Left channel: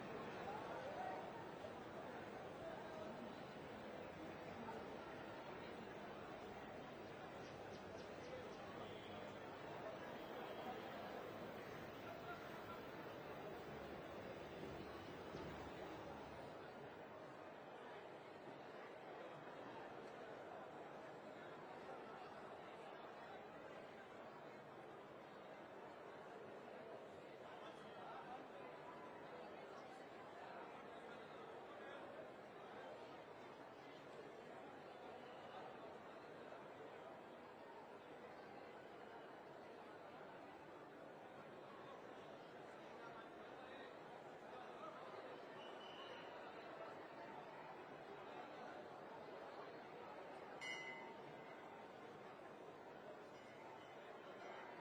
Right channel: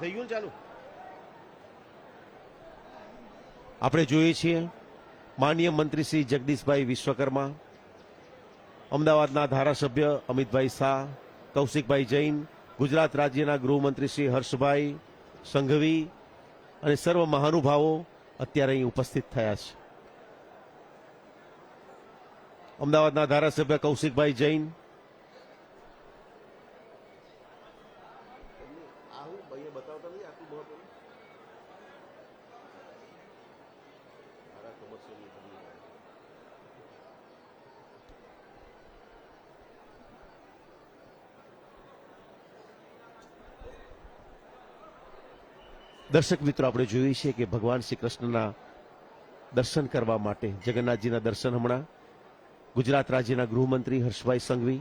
થઈ ગયું ચાલુ. આપણે જોઈએ છીએ માનનીય મંત્રી શ્રી જગદીશભાઈ વિશ્વકર્મા, અમદાવાદના ધારાસભ્ય અમિતભાઈ શાહ, કૌશિકભાઈ જૈન, ગુજરાત રાજ્યના ગૃહમંત્રી શ્રી હર્ષભાઈ સંઘવી અને સર્વ મહાનુભાવો અત્યારે અહીં ઉપસ્થિત થયા છે. અમદાવાદના ધારાસભ્ય કૌશિકભાઈ જૈન, દર્શક મિત્રો, આપણે જોઈએ છીએ કે ભગવાન શ્રી કૃષ્ણના દર્શન કરવા માટે જગન્નાથજીના દર્શન હમણાં ગુજરાત રાજ્યના ગૃહમંત્રી હર્ષભાઈ સંઘવી,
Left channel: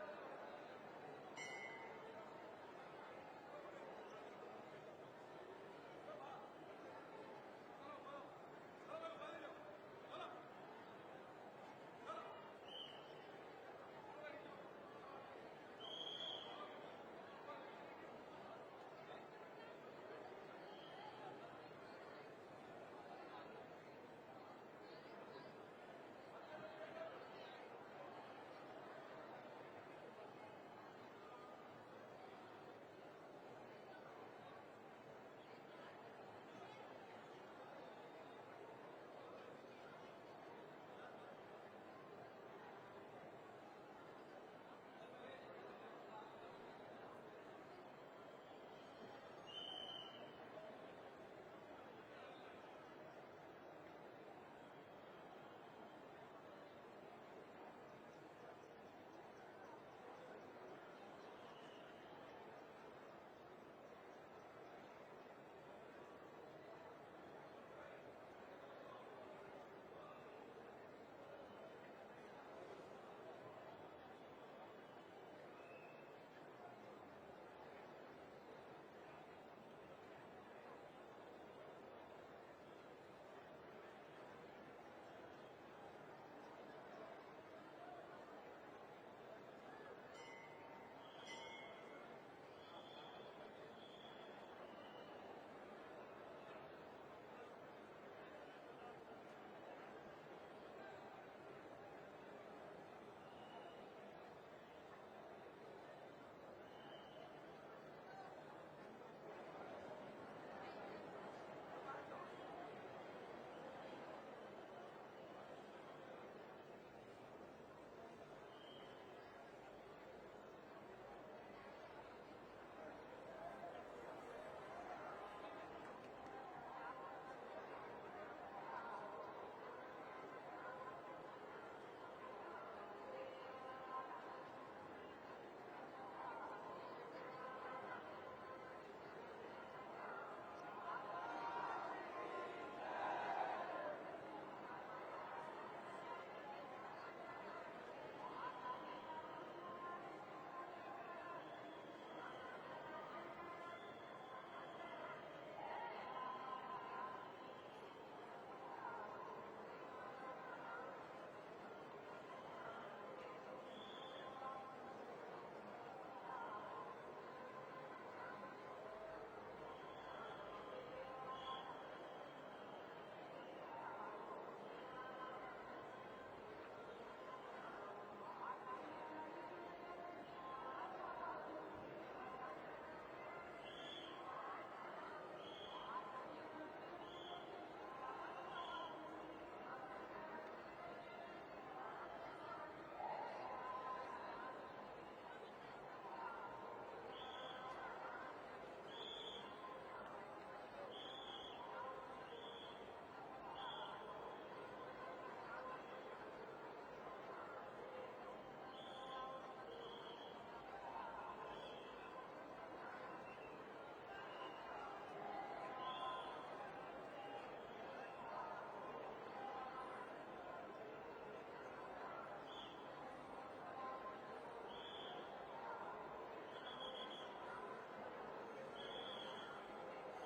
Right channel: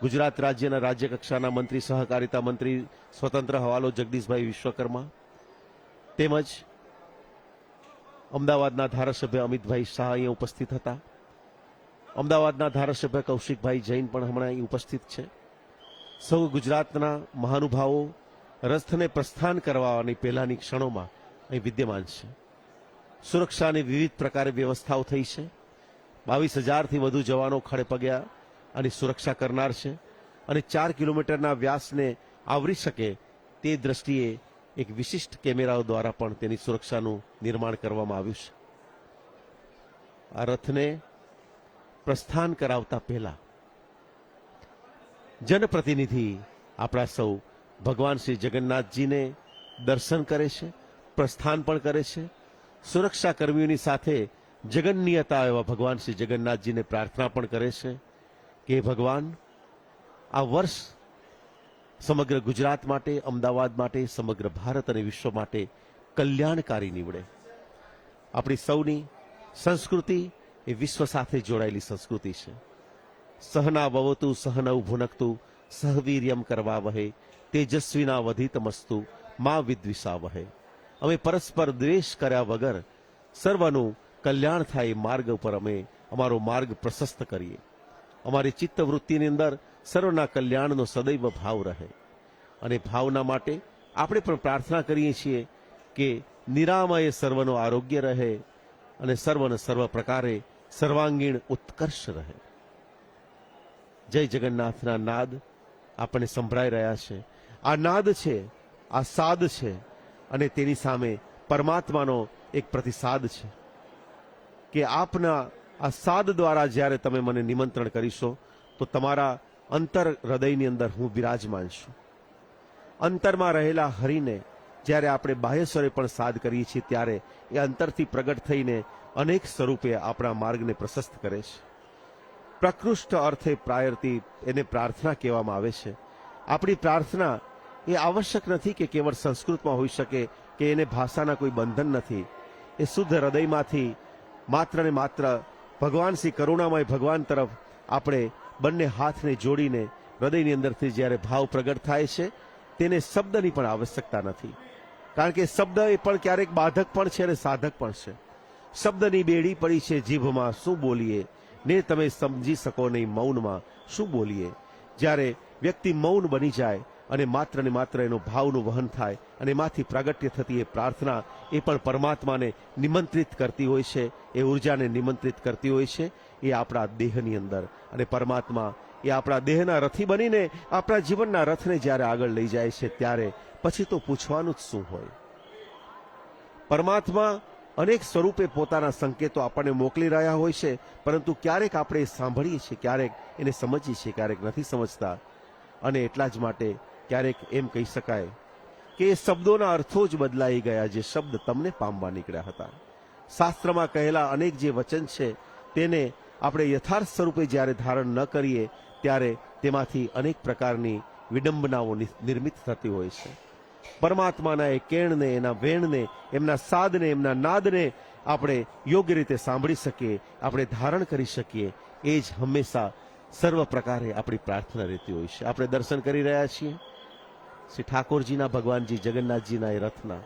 ગુજરાત રાજ્યના રાજ્યકક્ષાના મંત્રી સહકારિતા મંત્રી સ્વતંત્ર હવાલો જગદીશભાઈ વિશ્વકર્મા તેમજ અમદાવાદના ધારાસભ્ય અમિતભાઈ શાહ અહીંયા ઉપસ્થિત હતા. અમદાવાદના ધારાસભ્ય કૌશિકભાઈ જૈન પણ હમણાં અહીં ઉપસ્થિત છે. સૌ ગુજરાતના મહાનુભાવો રથને પ્રસ્થાન કરવાની પહેલાની ક્ષણોમાં અહીં વિદ્યમાન છે. સુરક્ષાની વિવિધ પ્રકારે વ્યવસ્થાઓ થઈ છે. 22,000થી વધુ જવાનો ખડે પગ્યા અને સુરક્ષા કરનાર છે અને 4 કિલોમીટરના વ્યાસને આવરી શકે તે દ્રષ્ટિએ એક વિશિષ્ટ કેમેરાઓ દ્વારા પણ તેની સુરક્ષાનું નિર્માણ કરવામાં આવ્યું છે. આ રથને પ્રસ્થાન કરાવતા પહેલા જનપ્રતિનિધિ આપણા સૌ ભગવાન શ્રી જગન્નાથજીને દર્શન કરે છે, પ્રસ્થાન પણ કરે છે. સુરક્ષા કર્મીઓની સાથે જગન્નિયતા એવા ભગવાન શ્રી જગન્નાથજીને પ્રાર્થના પણ કરે છે કે ભગવાન આ વર્ષ સમગ્ર ગુજરાત માટે, અમદાવાદ માટે, સમગ્ર ભારત અને વિશ્વ માટે કલ્યાણકારી નીવડે. આપણી સૌની સંસ્કૃતિ એ વિશ્વ સાથે જોડાયેલી સંસ્કૃતિ છે. સહના ભવતુ સહનૌ ભુનક્તુ સહવીર્યમ કરવાવહે તેજસ્વીના વધીતમસ્તુ મા વિદ્વિષાવહે. અમે પરસ્પર દ્વેષ કર્યા વગર સર્વનું કલ્યાણ થાય માર્ગ ઉપર અમે અમારો માર્ગ પ્રશસ્ત કરીએ. અમારી ચિત્તવૃત્તિની અંદર સર્વના કલ્યાણનો સદૈવ ભાવ રહે અને ભાવના માટે આપણે પણ પ્રાર્થના કરીએ છીએ કે નિરામયે સર્વનું આરોગ્ય રહે અને સર્વને સર્વ પ્રકારે સર્વાંગીણ ઉત્કર્ષ રહે. જય જગન્નાથના નાદ આપણને સંભળાઈ રહ્યા છે. આ નાદ છે, આ સાદ છે અને તેની સામે પરમાત્માનો એક પ્રતિસાદ છે કે આપના આ સાદ દ્વારા જ્યારે તમે મને નિમંત્રણ કરીશો તો તમારા અંતર હૃદયની અંદર હું બિરાજમાન છું. અંતરમાં રહેલા હરિને જ્યારે આપણે બાહ્ય સ્વરે પણ સાદ કરીએ છીએ ત્યારે એ અંતરથી પ્રગટ થઈને અનેક સ્વરૂપે આપણા માર્ગને પ્રશસ્ત કરે છે. પ્રકૃષ્ટ અર્થે પ્રાયર્થી એને પ્રાર્થના કહેવામાં આવે છે. આપણી પ્રાર્થના એ આવશ્યક નથી કે કેવળ સંસ્કૃતમાં હોઈ શકે કે એને ભાષાના કોઈ બંધન નથી. એ શુદ્ધ હૃદયમાંથી માત્ર ને માત્ર ભગવાન શ્રી કરુણામય ભગવાન તરફ આપણે બંને હાથને જોડીને હૃદયની અંદરથી જ્યારે ભાવ પ્રગટ થાય છે તેને શબ્દની પણ આવશ્યકતા નથી. કારણ કે શબ્દ એ પણ ક્યારેક બાધક પણ છે અને સાધક પણ છે. શબ્દની બેડી પડી છે જીભમાં, શું બોલીએ ને તમે સમજી શકો નહીં મૌનમાં શું બોલીએ. જ્યારે વ્યક્તિ મૌન બની જાય અને માત્ર ને માત્ર એનો ભાવનું વહન થાય અને એમાંથી પ્રાગટ્ય થતી એ પ્રાર્થના એ પણ પરમાત્માને નિમંત્રિત કરતી હોય છે, એ ઉર્જાને નિમંત્રિત કરતી હોય છે. એ આપણા દેહની અંદર અને પરમાત્મા એ આપણા દેહના રથી બનીને આપણા જીવનના રથને જ્યારે આગળ લઈ જાય છે ત્યારે પછી તો પૂછવાનું જ શું હોય. પરમાત્મા અનેક સ્વરૂપે પોતાના સંકેતો આપણને મોકલી રહ્યા હોય છે, પરંતુ ક્યારેક આપણે સાંભળીએ છીએ, ક્યારેક એને સમજીએ છીએ, ક્યારેક નથી સમજતા. અને એટલા જ માટે ક્યારેક એમ કહી શકાય કે એ શબ્દોના અર્થો જ બદલાઈ ગયા જે શબ્દ તમને પામવા નીકળ્યા હતા. શાસ્ત્રમાં કહેલા અનેક જે વચન છે તેને આપણે યથાર્થ સ્વરૂપે જ્યારે ધારણ ન કરીએ ત્યારે તેમાંથી અનેક પ્રકારની વિડંબનાઓ નિર્મિત થતી હોય છે. પરમાત્માના એ કેણને, એના વેણને, એમના સાદને, એમના નાદને આપણે યોગ્ય રીતે સાંભળી શકીએ, આપણે ધારણ કરી શકીએ, એ જ હંમેશા સર્વ પ્રકારે આપણી પ્રાર્થના રહેતી હોય છે. આપણે દર્શન કરી રહ્યા છીએ શ્રી ઠાકોરજીના, ભગવાનજી જગન્નાથજીના એ રથના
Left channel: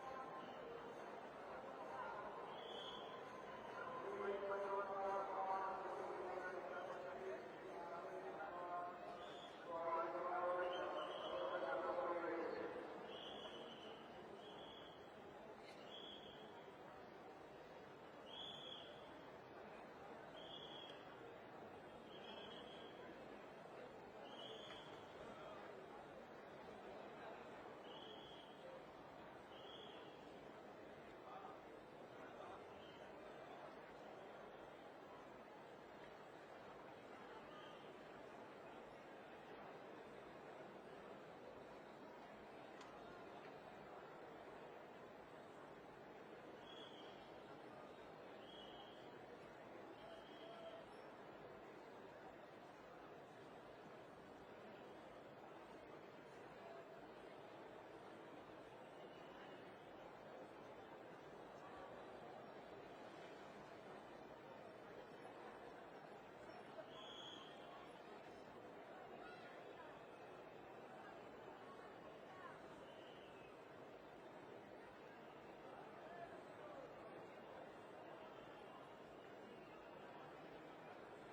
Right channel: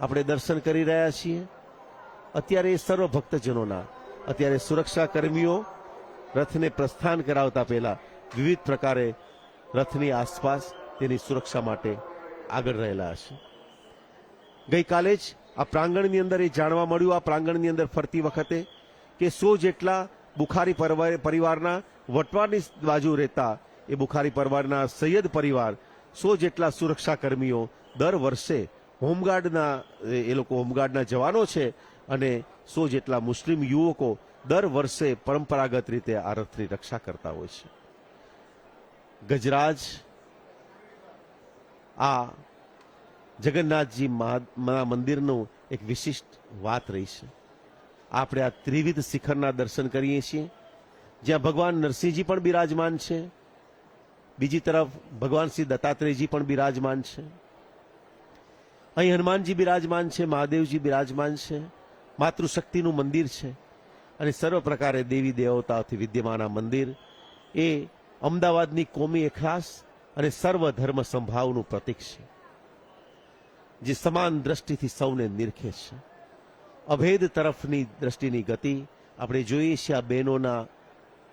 આપણે દર્શન કરી રહ્યા છીએ. અત્યારે એ સર્વ ભક્તજનોના, અત્યારે સુરક્ષા કર્મીઓ રથને પ્રસ્થાન કરાવતા પહેલા વિવિધ પ્રકારે રથની આસપાસ તેની સુરક્ષા માટે આગળ રહેલા હશે. ગઈકાલે જ આ પ્રાંગણની અંદર એ જાણવા મળ્યું, આ પ્રાંગણની અંદર ફરતી વખતે, કે 100 જેટલા બુખારી પરિવારના વટવાની બાજુ રહેતા એ બુખારી પરિવારના સૈયદ પરિવાર 100 જેટલા સુરક્ષા કર્મીઓ દર વર્ષે હોમગાર્ડના એ લોકો હોમગાર્ડના જવાનો છે અને 100 જેટલા મુસ્લિમ યુવકો દર વર્ષે પરંપરાગત રીતે આ રથની રક્ષા કરતા હોય છે. ગજરાજ આ જગન્નાથજી મંદિરનું એક વિશિષ્ટ વાત રહી છે. આપણે આ ત્રિવિધ શિખરના દર્શન કરીએ છીએ, જ્યાં ભગવાન નરસિંહજી પણ બિરાજમાન છે, બીજી તરફ ભગવાન શ્રી દત્તાત્રેયજી પણ બિરાજમાન છે, અહીં હનુમાનજી બિરાજમાન છે, મહાદેવજી બિરાજમાન છે, માતૃશક્તિનું મંદિર છે અને સર્વ પ્રકારે દેવી દેવતાઓથી વિદ્યમાન આ મંદિર એ અમદાવાદની કોમી એખલાસ અને સર્વ ધર્મ સંભાવનું પ્રતીક છે, જે સમાન દ્રષ્ટિથી સૌને નિરખે છે. અભેદ તરફની દ્રષ્ટિની ગતિ આપણે જોઈએ છીએ. આ બહેનોના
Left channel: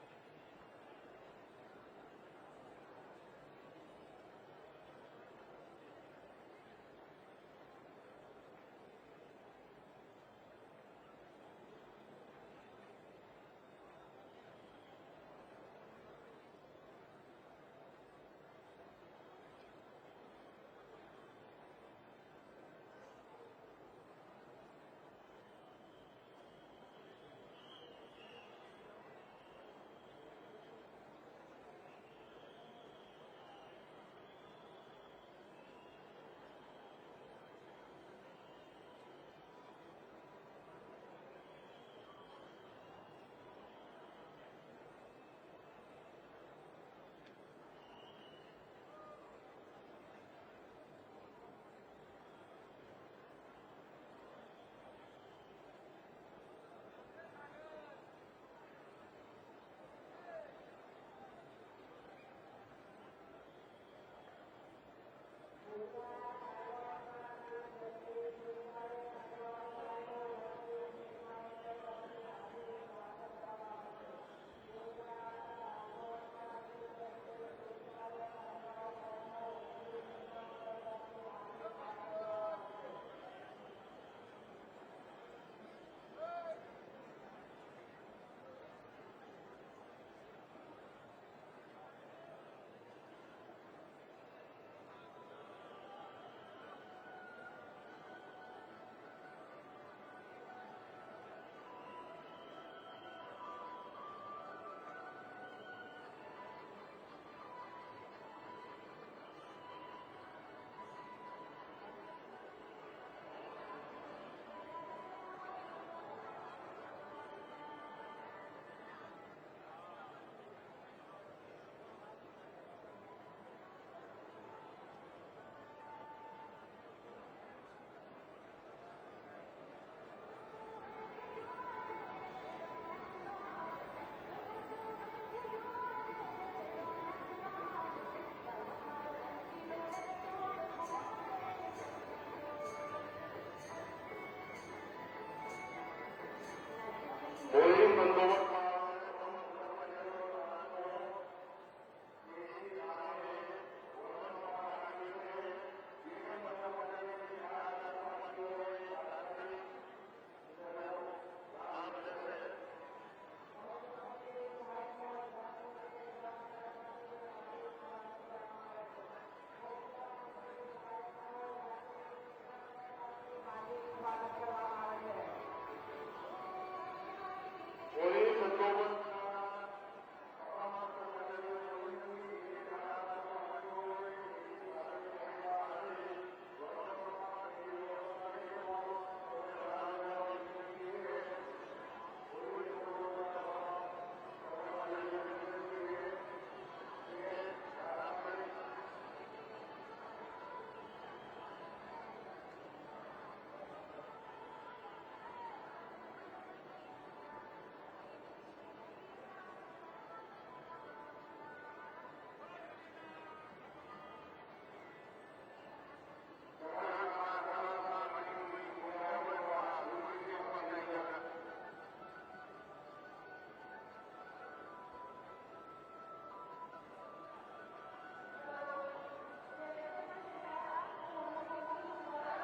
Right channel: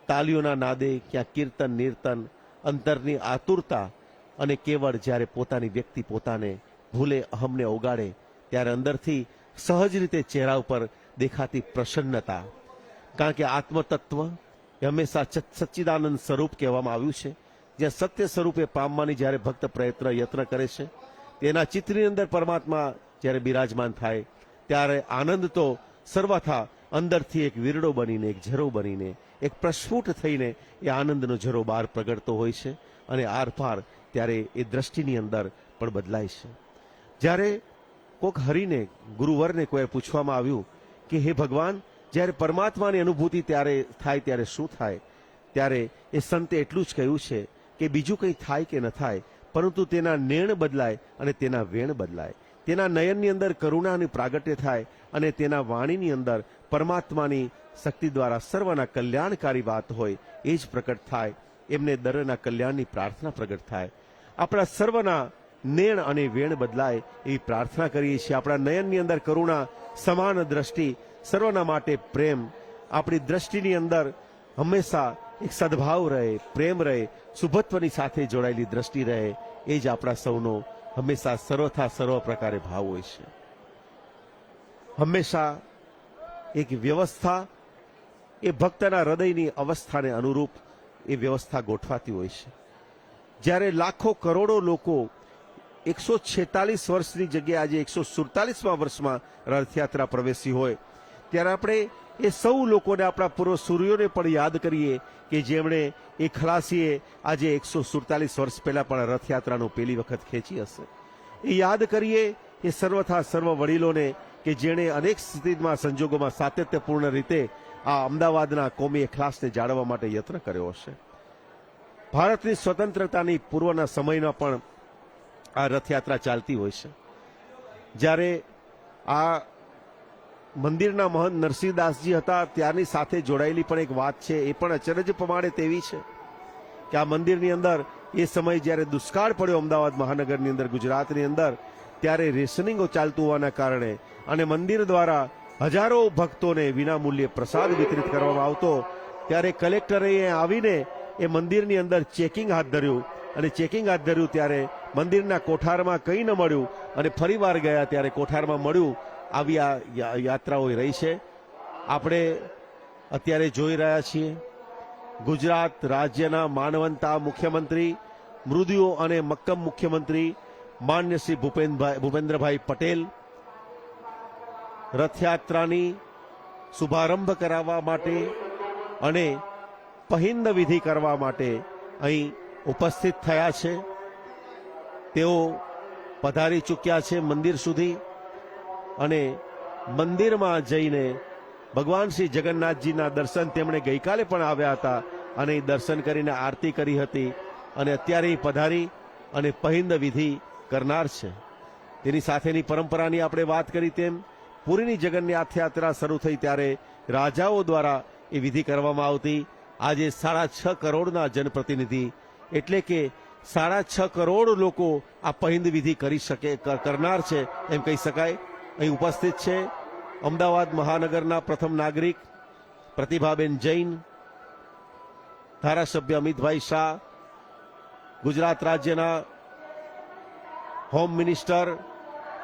તાલીઓના નાદે, ક્યાં કીર્તન નિર્તન, અંતરની આતુરતા અને કેવળ જ્યારે પોતાની વ્યક્તિ પોતાને ભૂલે, અહમને ઓગાળે, ત્યારે અંદરથી સહજ રીતે ચહેરા ઉપર દેખાતી પ્રસન્નતા. કારણ કે આત્મતત્વ એ હંમેશા સચ્ચિદાનંદ સ્વરૂપ કહેવામાં આવ્યું છે. જ્યાં સત્ય સ્વરૂપે પામવાની જ્યારે ભક્ત યત્ન કરે છે, તેના ચિત્રની અંદર પરમાત્મા જ્યારે બિરાજમાન થાય ત્યારે આનંદ તો સર્વથા અંદરથી એક વીરડો બનીને, એક ઝરો બનીને, એક પ્રસ્ફુટ થઈને એ આનંદનો ઝરો બહાર પ્રગટતો હોય છે અને આરપાર ત્યારે એ દ્રષ્ટિની અંદર પણ બદલાય છે. જ્યારે કોક હરિને, ગુરુવરને કોઈ પૂછવામાં આવ્યું કે હે ભગવાન, જ્યારે પરમાત્માની અનુભૂતિ ત્યારે થાય ત્યારે શું થાય, ત્યારે એ સંતે એટલું જ કહ્યું છે કે બીજું કંઈ થાય કે ન થાય, પરંતુ તેના નેણ બદલાય અને તેના વેણ બદલાય. તેના નયનની અંદર કરુણાની પ્રાગટ્ય થાય અને તેના વાણીની અંદર પરમાત્માની શક્તિ દ્વારા સર્વના કલ્યાણકારી વાત હોય એ જ પ્રગટ થાય. એમને દરેકના કલ્યાણની પ્રાર્થના પ્રગટ થાય. આપણા સર્વના નેણ અને વેણ બદલાય એવી પ્રાર્થના કરીએ છીએ. આપણા નયનની અંદર કરુણા, સમાન દ્રષ્ટિ, સર્વના માટે પ્રેમ, આપણી દ્રષ્ટિની અંદર હંમેશા એક સદભાવ રહે, પ્રેમ રહે, શુભત્વની સાથે જોડાયેલી દ્રષ્ટિ રહે, એ જ આપણા સૌનો હંમેશા સર્વથા સર્વ પ્રકારે ભાવ હોય છે. હંમેશા એક વ્યવસ્થા એ ભક્તના હૃદયની અવસ્થાને અનુરૂપ એ વ્યવસ્થા ગોઠવાતી હોય છે. જ્યારે લાખો કરોડો લોકો 146 વર્ષની જગ્યાએ આજે 147મા વર્ષમાં રથયાત્રા પ્રવેશી હોય, ત્યારે આપણે એ સૌ લોકોને, આપણા પૂર્વ સૂર્યોને પણ યાદ કરીએ કે જેમણે એ ખલાસીએ આજે 147 વર્ષ પહેલા પણ રથયાત્રાનું પહેલી વખત ખેંચી હશે. એ યાદ કરીએ એ સર્વથા સર્વ વડીલોને કે જેણે અનેક સ્થિતિમાં, સંજોગોમાં સાતત્યપૂર્ણ રીતે આ અમદાવાદના કોમી એખલાસને જાળવવા માટે યત્ન કર્યો હશે. ભારતની સ્વતંત્રતાની પૂર્વના સમયમાં પણ આ રથયાત્રા ચાલતી હોય છે. જ્યારે આ મંદિરના મહંત નરસિંહદાસજી હતા ત્યારની સાથે જોડાયેલી પણ એક વાત છે, એ પણ અચરજ પ્રમાણે તેવી છે કે આ મંદિરની અંદર એ સમય જ્યારે દુષ્કાળ પડ્યો અમદાવાદ મહાનગરની અંદર, ગુજરાતની અંદર, ત્યારે રેશનિંગો ચાલતું હોવાના કારણે અને મંદિર દ્વારા હજારો ભક્તોને વિનામૂલ્યે પ્રસાદ વિતરિત કરવામાં આવતો, ત્યારે કલેક્ટરે આવીને એ મંદિરની અંદર ચેકિંગ હાથ ધર્યું અને ચેકિંગ હાથ ધર્યું ત્યારે મંદિરના કોઠારમાં કંઈ ન મળ્યું અને ફરી વાર ગયા ત્યારે કોઠારમાં મળ્યું. આવી આ યાત્રાઓ રહી છે. આપણે અત્યારે જોઈ રહ્યા છીએ ગુજરાત રાજ્યના માનવંતા મુખ્યમંત્રી, મૃદુ અને મક્કમ મુખ્યમંત્રી માન્ય શ્રી ભૂપેન્દ્રભાઈ પટેલ રથયાત્રાની શુભારંભ કરાવવા માટે અને પહિંદ વિધિ કરવા માટે અહીં ઉપસ્થિત થયા છે. તેઓ પધારી ચૂક્યા છે મંદિર સુધી અને મંદિરમાં જઈને ભગવાન શ્રી જગન્નાથજીના દર્શન તેમણે ગઈકાલે પણ આવ્યા હતા અને દર્શન કરીને આરતી કરી હતી અને અત્યારે પધારી અને પહિંદ વિધિ કરનાર છે. તેની સાથેની પરંપરાની આપણે વાત કરી તેમ પુરીની જગન્નાથ યાત્રા શરૂ થઈ ત્યારે રાજાઓ દ્વારા એ વિધિ કરવામાં આવતી. આજે 6.5 કરોડના જનપ્રતિનિધિ એટલે કે 6.5 કરોડ લોકો આ પહિંદ વિધિ કરી શકે, કરનાર છે એમ કહી શકાય. અહીં ઉપસ્થિત છે અમદાવાદ મહાનગરના પ્રથમ નાગરિક પ્રતિભાબેન જૈન, ધારાસભ્ય અમિતભાઈ શાહ, ગુજરાત રાજ્યના હોમ મિનિસ્ટર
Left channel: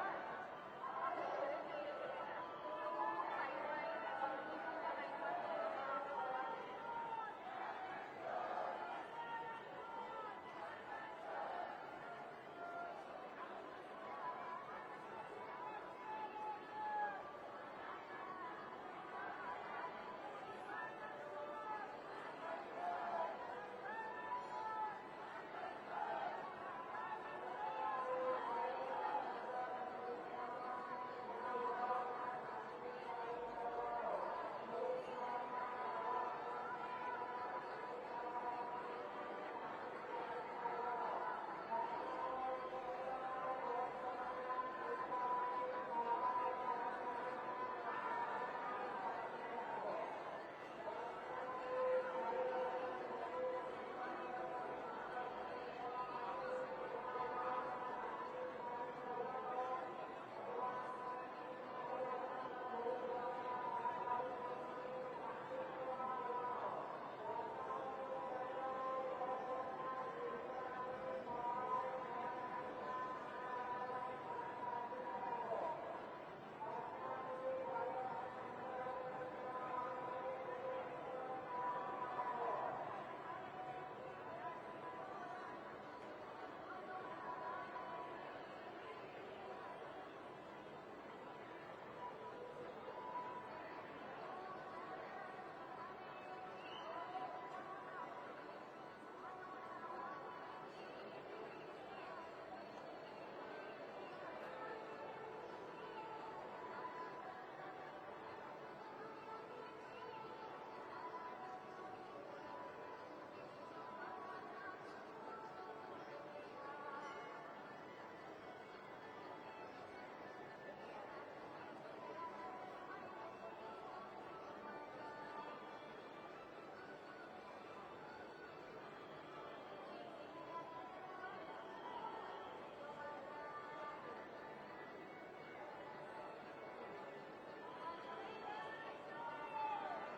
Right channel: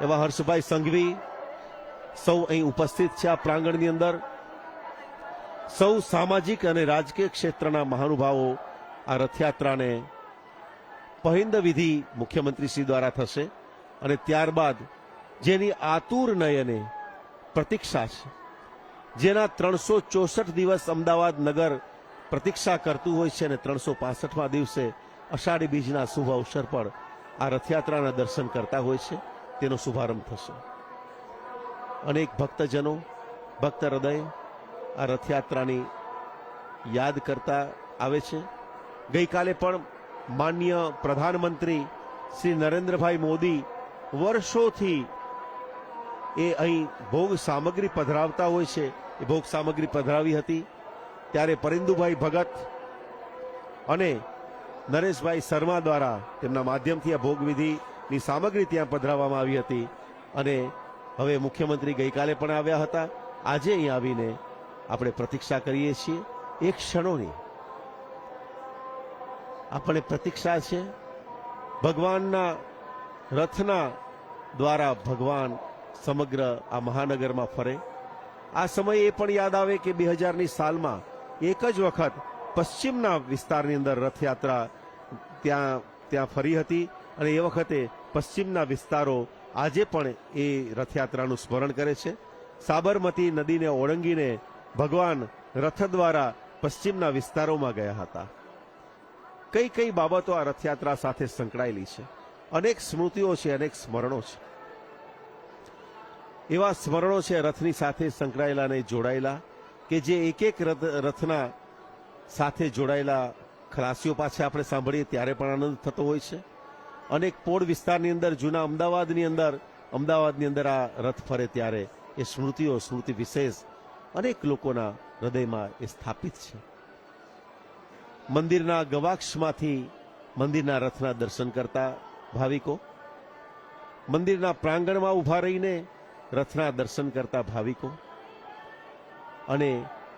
એવા હર્ષભાઈ સંઘવી સૌ અહીં ઉપસ્થિત છે. આ પ્રાંગણની અંદર સૌ સામાજિક અને રાજકીય ક્ષેત્રના મહાનુભાવો આ રથયાત્રાને પહિંદ વિધિ મુખ્યમંત્રી શ્રી દ્વારા થશે અને ત્યારબાદ જેની આતુર નયને પ્રતીક્ષા છે, જેના 364 દિવસ અમદાવાદ નગર પ્રતીક્ષા કરતું હોય છે અને 365મા દિવસે અષાઢી બીજના શુભ અવસર પર આ રથયાત્રાના દર્શન કરતા હોય છે, તેનો શુભારંભ થશે. અનેક ભક્તજનો, ભક્ત હૃદય આ રથયાત્રાની યાદ કરતા આવે છે. ગઈકાલે પણ માનનીય પ્રધાનમંત્રી શ્રી નરેન્દ્રભાઈ મોદી વર્ષોથી એ અહીં ભોગ સામગ્રી પધરાવતા હોય છે, એ ભોગ સામગ્રી પધરાવી હતી. ત્યારે પરિંદુભાઈ ભગત અને નરેશભાઈ શર્મા દ્વારા તેમના માધ્યમથી આ ભોગવિધિની સામગ્રી ત્યાં પધરાવવામાં આવી હતી અને હવે મુખ્યમંત્રી ગઈકાલે પણ આવ્યા હતા. આજે અહીં આવીને આપણે પ્રતીક્ષા કરીએ છીએ. એક ક્ષણોની આપણે પ્રતીક્ષા છે. ભગવાનના રથના દ્વારા ભગવાન સમગ્ર આ મહાનગરમાં ફરે. આ સમયે એ પણ યાદ આવે કે 2000ની સાલમાં એક જ વખત પશ્ચિમના વિસ્તારની અંદર રથયાત્રા ત્યાં ફરી હતી અને એ વખતે પશ્ચિમના વિસ્તારો આજે પણ એ રથયાત્રાનું સ્મરણ કરે છે. સાબરમતી નદીને ઓળંગીને ભગવાન રથ દ્વારા પશ્ચિમના વિસ્તારોમાં ગયા હતા. કઈ કઈ બાબતો આ રથયાત્રા સાથે સંકળાયેલી છે? અનેક સ્મૃતિઓ છે, અનેક સ્મરણો છે. એવા સ્મરણો છે રથની સાથે સંકળાયેલા અને જોડાયેલા કે જે એક એક રથના સાથે જોડાયેલા ખલાસીઓ પાસે આપણે સાંભળીએ ત્યારે પણ આનંદ થતો હોય છે. અનેક પોળ વિસ્તારની અંદર, જૂના અમદાવાદની અંદર આ રથ ફરે ત્યારે એ સ્મૃતિ વિશેષ અનેક લોકોના હૃદયમાં એ સ્થાપિત છે. મંદિરના ગવાક્ષમાંથી મંદિરના રથના દર્શન કરતા ભાવિકો, મંદિરના પ્રાંગણમાં ઊભા રહીને રથના દર્શન કરતા ભાવિકો અને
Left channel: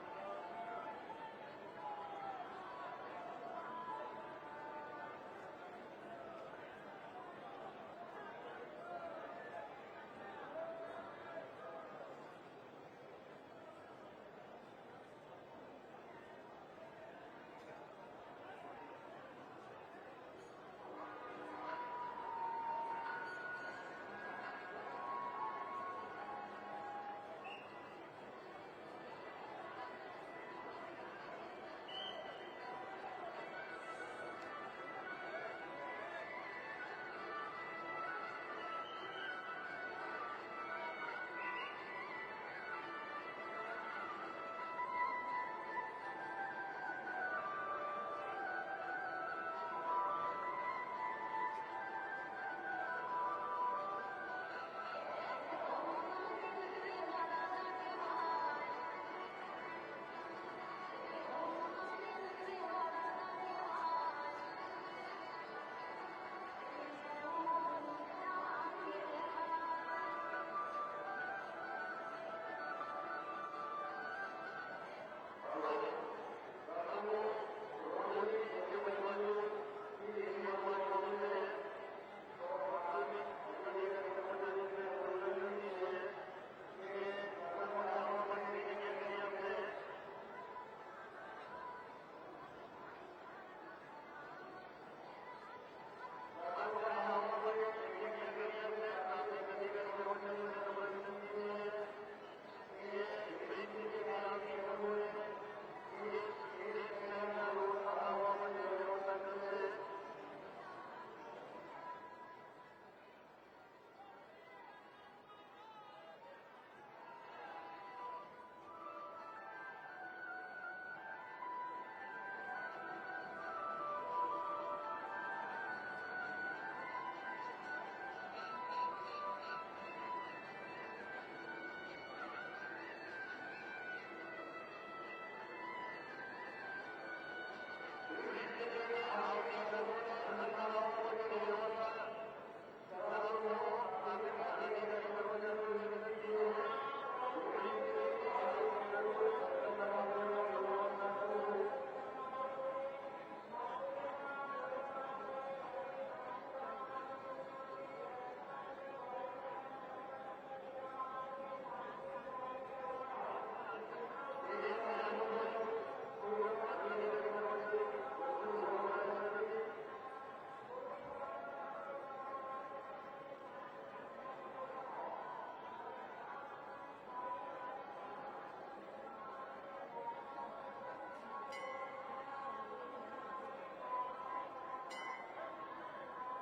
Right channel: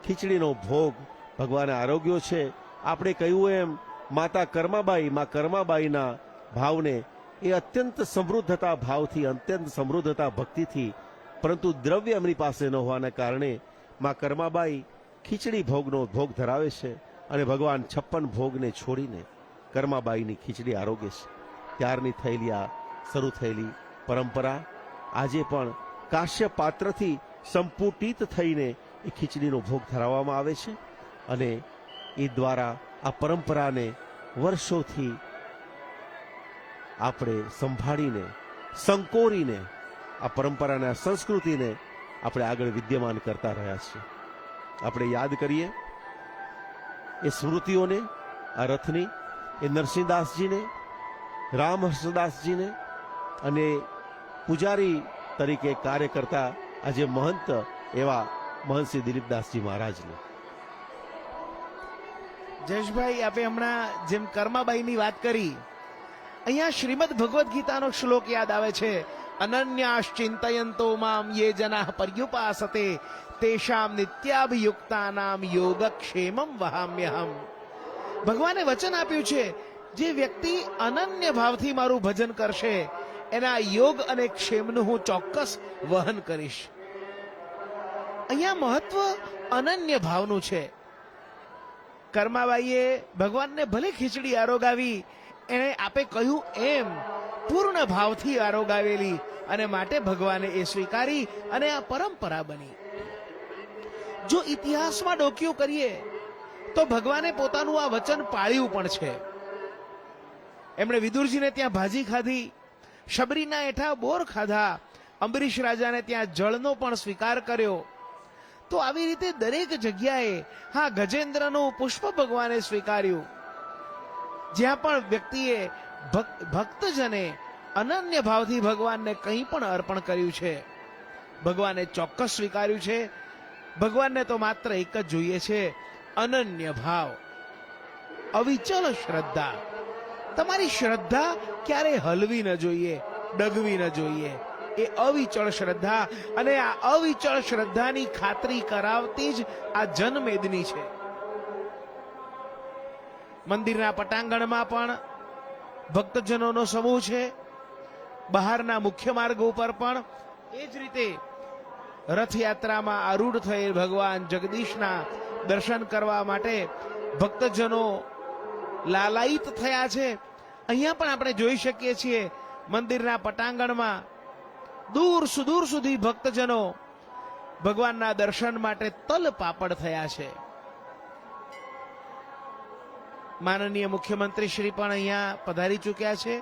ખીચડીનો ભોગ ભગવાને આરોગ્યો છે. આપણે કહ્યું એમ માતા કર્માબાઈના ભાવને એ અત્યંત સમૃદ્ધતા ભાવથી, અત્યંત સમૃદ્ધતા ભક્તિથી, પરંતુ દ્રવ્ય એમની પાસે ન હોવાના કારણે મા કર્માબાઈ ખીચડી ભોગનો ભોગ ધરાવે છે અને ભગવાન 56 ભોગને છોડીને કર્માબાઈની ખીચડી આરોગે છે. ત્યારની શરૂ થયેલી પરંપરા આજે પણ કાશ્ય પાત્રથી સંપુટિત થઈને એ ખીચડીનો ભોગ ધરાવવામાં આવે છે અને એ દ્વારા આ પરંપરાને વર્ષોથી આપણે સંભાળીને, સંકોરીને આ પરંપરાને, આ સંસ્કૃતિને આપણે આગળ વિદ્યમાન કરતા રહ્યા છીએ. આપણે યાદ કરીએ એ સ્મૃતિઓને, આ રથની, એ નરસિંહદાસજીને, રામહર્ષદાસજીને અને પૂજારી તરીકે કાર્ય કરતા આજે મહંત એવા મહંત શ્રી દિલીપદાસજી મહારાજને. જયેશભાઈ, આપણે હમણાં જેમ કર્માબાઈની વાત કરી, અહીંયા શ્રીમદ ભગવદ્ ગીતાનો શ્લોક યાદ આવે છે. અનન્યાશ્ચિંતયંતો મામ યે જનાઃ પર્યુપાસતે તેષામ નિત્યાભિયુક્તાનામ યોગક્ષેમં વહામ્યહમ. ભગવાને વચન આપ્યું છે, જે વ્યક્તિ અનન્ય ભાવથી મારું ભજન કરશે એના યોગ અને ક્ષેમનું હું ચોક્કસ વહન કરીશ. અહીંયા મહત્વ અનન્ય ભાવનું છે. કર્માબાઈએ ભગવાનને ભલે ખીચડી આરોગાવી, એને આપે કહ્યું એમ પૂર્ણ ભાવથી આરોગાવેલી અને માટે ભગવાને એ સ્વીકારી અને આ પરંપરા બની. જો ઇતિહાસમાં ડોકિયું કરીએ તો ભગવાને પોતાનું આ વચન પાળ્યું પણ છે. એમણે વિદુરજીને ત્યાં ભાજી ખાધી, શબરીના હેઠા બોર ખાધા, અંબરીશ રાજાને ત્યાં જળનો પણ સ્વીકાર કર્યો. તો આવી રીતે દરેક જગ્યાએ હા ગજેન્દ્રનું પુષ્પ ભગવાને સ્વીકાર્યું. જ્યાં પણ વ્યક્તિએ ભક્તજને અનન્ય ભાવથી ભગવાનને કંઈ પણ અર્પણ કર્યું છે, ભગવાને ચોક્કસ સ્વીકાર્યું છે. ભગવાનને તો માત્ર એક જ જોઈએ છે, અનન્ય ભાવ, અવિચલ શ્રદ્ધા. તમારી શ્રદ્ધા ક્યારે હલવી ન જોઈએ, ડગવી ન જોઈએ. એ અવિચળ શ્રદ્ધા, અને આ અવિચળ શ્રદ્ધાની ખાતરી કરાવતી જ આ જનમેદની છે. મંદિરના પટાંગણમાં પણ ભક્તજનોનો સમૂહ છે. બહારના મુખ્ય માર્ગ ઉપર પણ એ જ રીતે રથયાત્રામાં આરૂઢ થયેલ ભગવાન જગદીશના દર્શન કરવા માટે ભક્તજનો લાલાયિત થયા છે. અહીંયા પણ આપણે જોઈ શકીએ છીએ મંદિરના પટાંગણમાં દૂર સુદૂર સુધી ભક્તજનો ભગવાનના દર્શન માટે તલ પાપડ થયા છે. માનનીય મુખ્યમંત્રી શ્રી પણ અહીંયા પધારી ચૂક્યા છે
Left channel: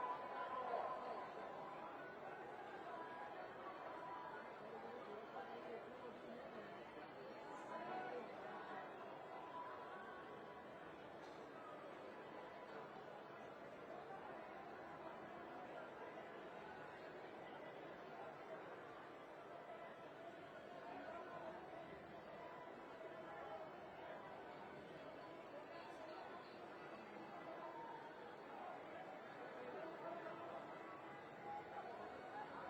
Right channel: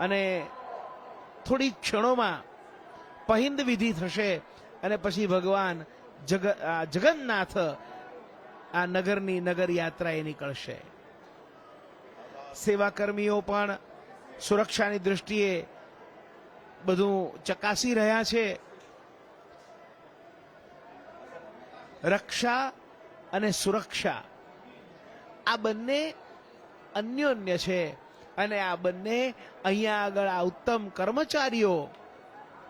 અને થોડી ક્ષણોમાં પહિંદ વિધિ થશે અને પછી ભગવાન જગન્નાથ આ નગરની નગર યાત્રાએ નીકળશે. સેવાકર્મીઓ પણ સુરક્ષાની દૃષ્ટિએ બધું ચકાસી રહ્યા છે. રક્ષા અને સુરક્ષા આ બંને અન્યોન્ય છે અને આ બંને અહીંયા આગળ આ ઉત્તમ કર્મચારીઓ